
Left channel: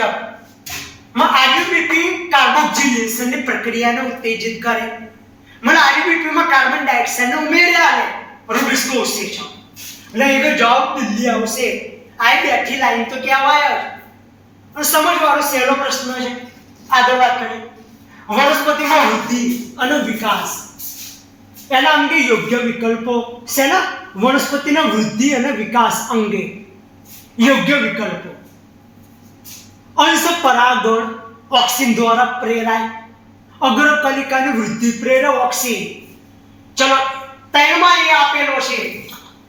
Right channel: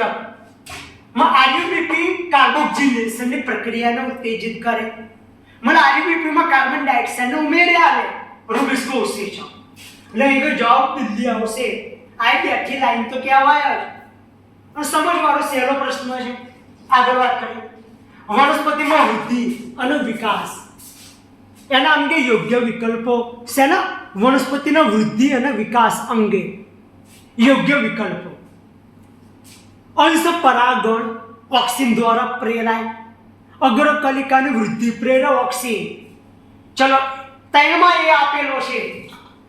આરયુબીપી કાર્બોક્સિલેશનની પ્રક્રિયાને ઉત્તેજિત કરે. આરયુબીપી કાર્બન ડાયોક્સાઇડને ઉમેરી આવે રૂબિસ્કો ઉત્સેચક. એટલે એનો જવાબ દિલ્હી આવશે. આ બેઠી લાઈન તો કહેવાય જ. અને સમજવાળો સહેલો પ્રશ્ન છે. આગળ વાત કરીએ. વનસ્પતિમાં વૃદ્ધિ અને વિકાસ એના અંગે યોગ્ય વિકલ્પો. શેના? વનસ્પતિના વૃદ્ધિ અને વિકાસ અંગે યોગ્ય વિકલ્પો. અંશ પરાગણ ઓક્સિન દ્વારા પ્રેરાય, અગ્રકલિકાની વૃદ્ધિ પ્રેરે ઓક્સિન. ચલો ત્રણમાં એ આપેલો છે,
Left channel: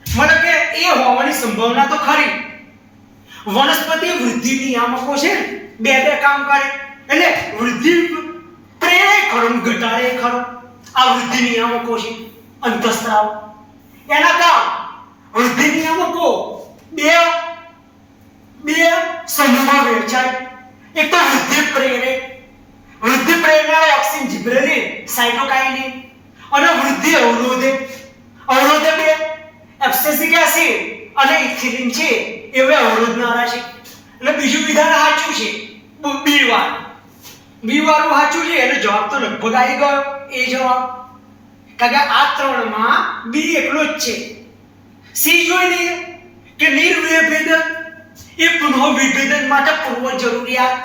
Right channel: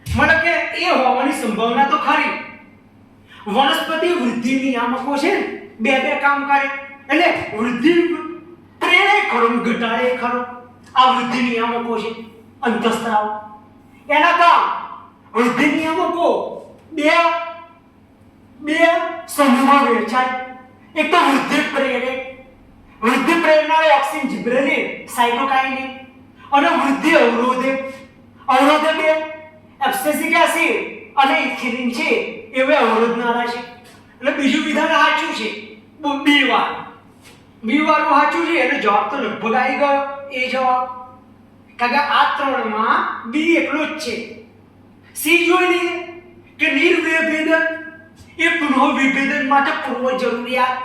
મતલબ કે એ હોવાની સંભાવના તો ખરી. વનસ્પતિ વૃદ્ધિ નિયામકો છે ને બે કામ કરે. એટલે વૃદ્ધિ પ્રેરે ખરો, ઘટાડે ખરો. આ વૃદ્ધિ નિયામકો છે અંતઃસ્ત્રાવ. એના કામ વૃદ્ધિ નિયામકો બે સમૂહમાં વહેંચાય. એક તો વૃદ્ધિ પ્રેરનાર ઓક્સિન જિબ્રેલિન સાઇટોકાઇનિન, અને વૃદ્ધિ અવરોધે બે એબ્સિસિક એસિડ અને ઇથિલિન છે એવે અવરોધનારા છે. એટલે બીજું વિધાન સાચું છે. બી વાળું સાચું છે. એટલે જવાબ તો લગભગ આવી ગયો એ જવાબ, કારણ કે આ ત્રણમાં બી એકલો જ છે. સી જોઈ લઈએ કે નિર્વિભેદન એ પુનઃ વિભેદન માટે પૂર્વ જરૂરિયાત.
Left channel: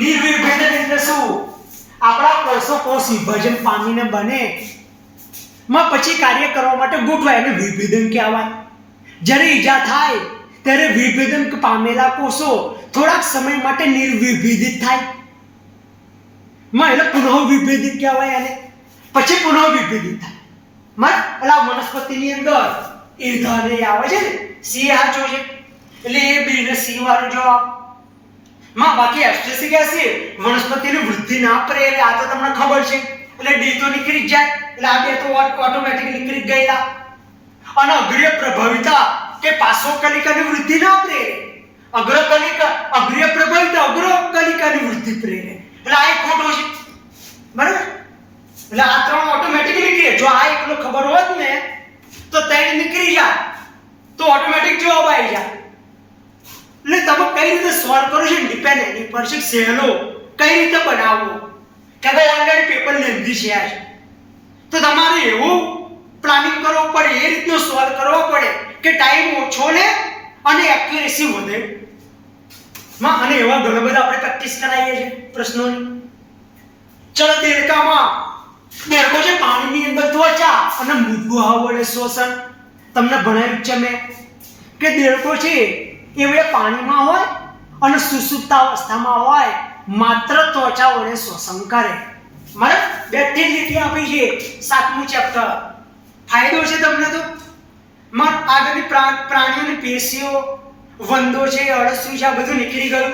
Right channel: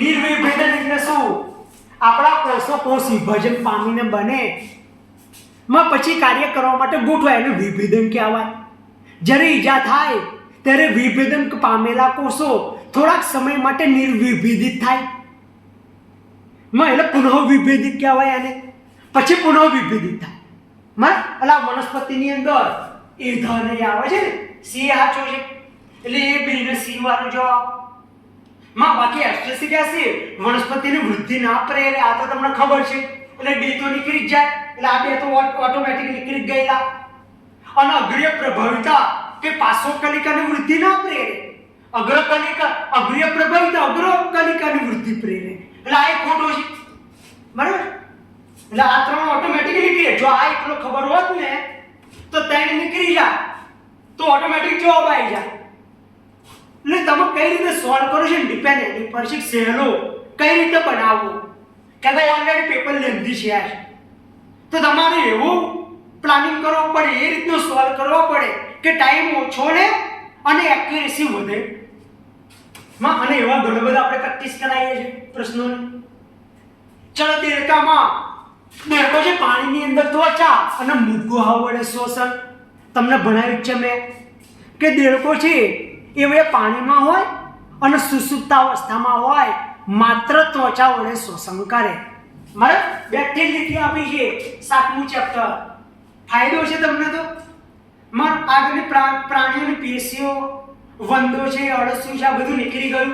નિર્વિભેદન એટલે શું? આપણા કોષો કોષ વિભાજન પામીને બને પછી કાર્ય કરવા માટે ગોઠવાય, એને વિભેદન કહેવાય. જ્યારે ઈજા થાય ત્યારે વિભેદન પામેલા કોષો થોડાક સમય માટે નિર્વિભેદિત થાય, એટલે પુનઃ વિભેદિત કહેવાય એને. પછી પુનઃ વિભેદિત થાય. એટલે આ વનસ્પતિની અંદર ઈર્ધાને આવે છે ને, સી સાચું છે. એટલે એ બી ને સી વાળો જવાબ. બાકી એબ્સિસિક એસિડ વનસ્પતિની વૃદ્ધિ ના પ્રેરે, આ તો તમને ખબર છે. એટલે ડી તો નીકળી જ જાય. એટલે આ બે તો ઓટોમેટિક નીકળી જ ગયેલા. અને અગ્રીય પ્રભાવિતા કે પાર્શ્વકલિકાની વૃદ્ધિ ના પ્રેરે, અગ્રીય પ્રભાવિતા અગ્રકલિકાની વૃદ્ધિ પ્રેરે. એટલે આ એક ખોટો છે. બરાબર? એટલે આ ત્રણ ઓટોમેટિક નીકળે. જો આ એકલો ખબર હોત ને તો ત્રણ નીકળી જાય તો ઓટોમેટિક જવાબ આવી જાય. એટલે તમે કઈ રીતે સોલ્વ કરો છો ડિપેન્ડ પર છે. સહેલો કઈ રીતે બનાવવો, કારણ કે ઓલરેડી પેપર લેન્ધી છે તો તમારે એવું પ્લાનિંગ કરવું પડે, એ રીતનું સોલ્વ કરવો પડે કે ટાઈમ ઓછો લે અને એક્યુરેસી વધે. અને એવા ઘણા બધા આપણે પ્રેક્ટિસ કરાવીએ છીએ પ્રશ્નોની. ચલો દેડકો છે પાણીની અંદર ત્વચા અને મુગવા વડે શોષણ. તમને ભણાવ્યું છે મેં કે દેડકો છે એ હવે પાણીમાં હોય અને સુસુપ્ત અવસ્થામાં હોય, માત્ર ત્વચા વડે શોષણ કરે. મારે બેઠી લીટી આપી છે 7મું ચેપ્ટર. ફાયદો છે તમને તો. આગળની પ્રાણીઓની પેશીઓ, વંદો છે, અળસિયું છે, આ બધું નીકળી ગયું.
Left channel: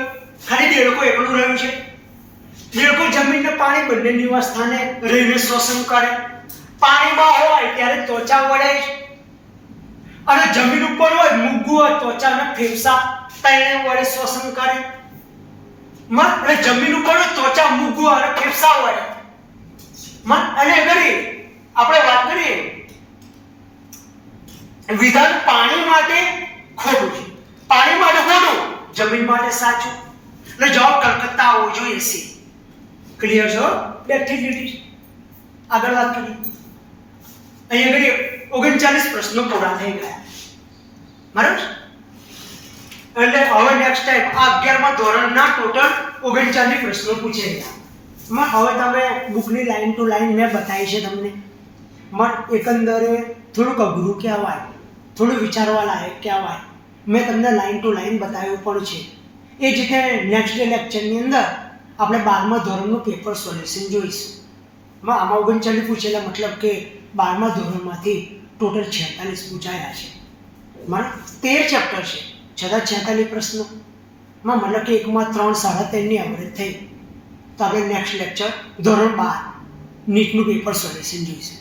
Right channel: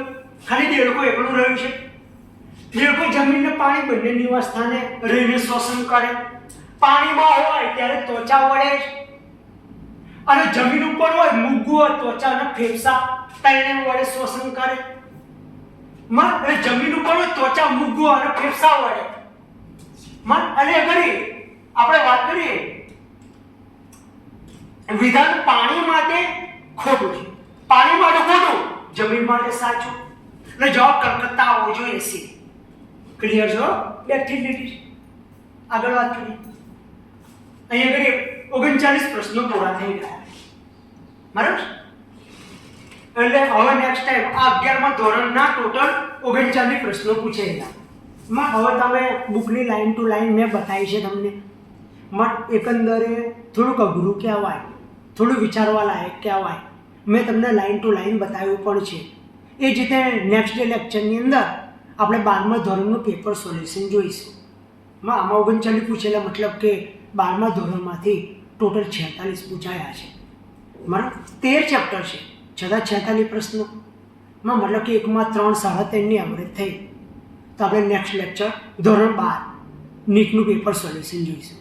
ખાલી દેડકો એકલું રહ્યું છે. દેડકો જમીન ને પાણી બંને નિવાસસ્થાને રહીને શોષણ કરે. પાણીમાં હોય ત્યારે ત્વચા વડે અને જમીન ઉપર હોય મુગવું ત્વચા અને ફેફસા ત્રણે વડે શોષણ કરે. એટલે જમીન ઉપર હોય ત્વચા, મુગવું અને ફેફસા વડે. અને અગર આપણે વાત કરીએ વિધાન પાણી માટે ખોટું છે, પાણી માટે ખોટું, જમીન માટે સાચું. એટલે જવાબ કલકત્તા આવવો જોઈએ સી. ક્લિયર છો? બેઠી લીટી. આગળ વાત કરીએ. અહીંયા આગળ 39 પ્રશ્નો પૂરા થઈ ગયા. બરાબર? એટલે હવે નેક્સ્ટ ટાઈમ આ 11મા ધોરણના ટોટલ 39 પ્રશ્નો પૂછેલા. હવે તમે બુકની લાઈન ટુ લાઈન મેં બતાવી છે તમને. એકંદરે થોડુંક અઘરું કહેવાય, થોડું વિચારવા લાયક કહેવાય. મેં તમને લાઈન ટુ લાઈન બતાવ્યું પણ છે. એ જ રીતે નેક્સ્ટ ડે લેક્ચરની અંદર આપણે 12મા ધોરણનું પેપર સોલ્યુશન જોઈશું. આમાં 39 પૂછેલા, મતલબ કે 12મા ધોરણમાંથી ટોટલ 46 પૂછાયા છે. બરાબર? 13 ચેપ્ટર છે, છતાં 46 પ્રશ્નો. મતલબ કે એકમાં 3 3.5ની એવરેજ થઈ. તો આપણે નેક્સ્ટ લેક્ચર ધોરણ 12 નીટનું પેપર સોલ્યુશન જોઈશું.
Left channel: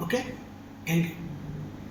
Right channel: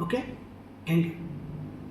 Okay, thank you.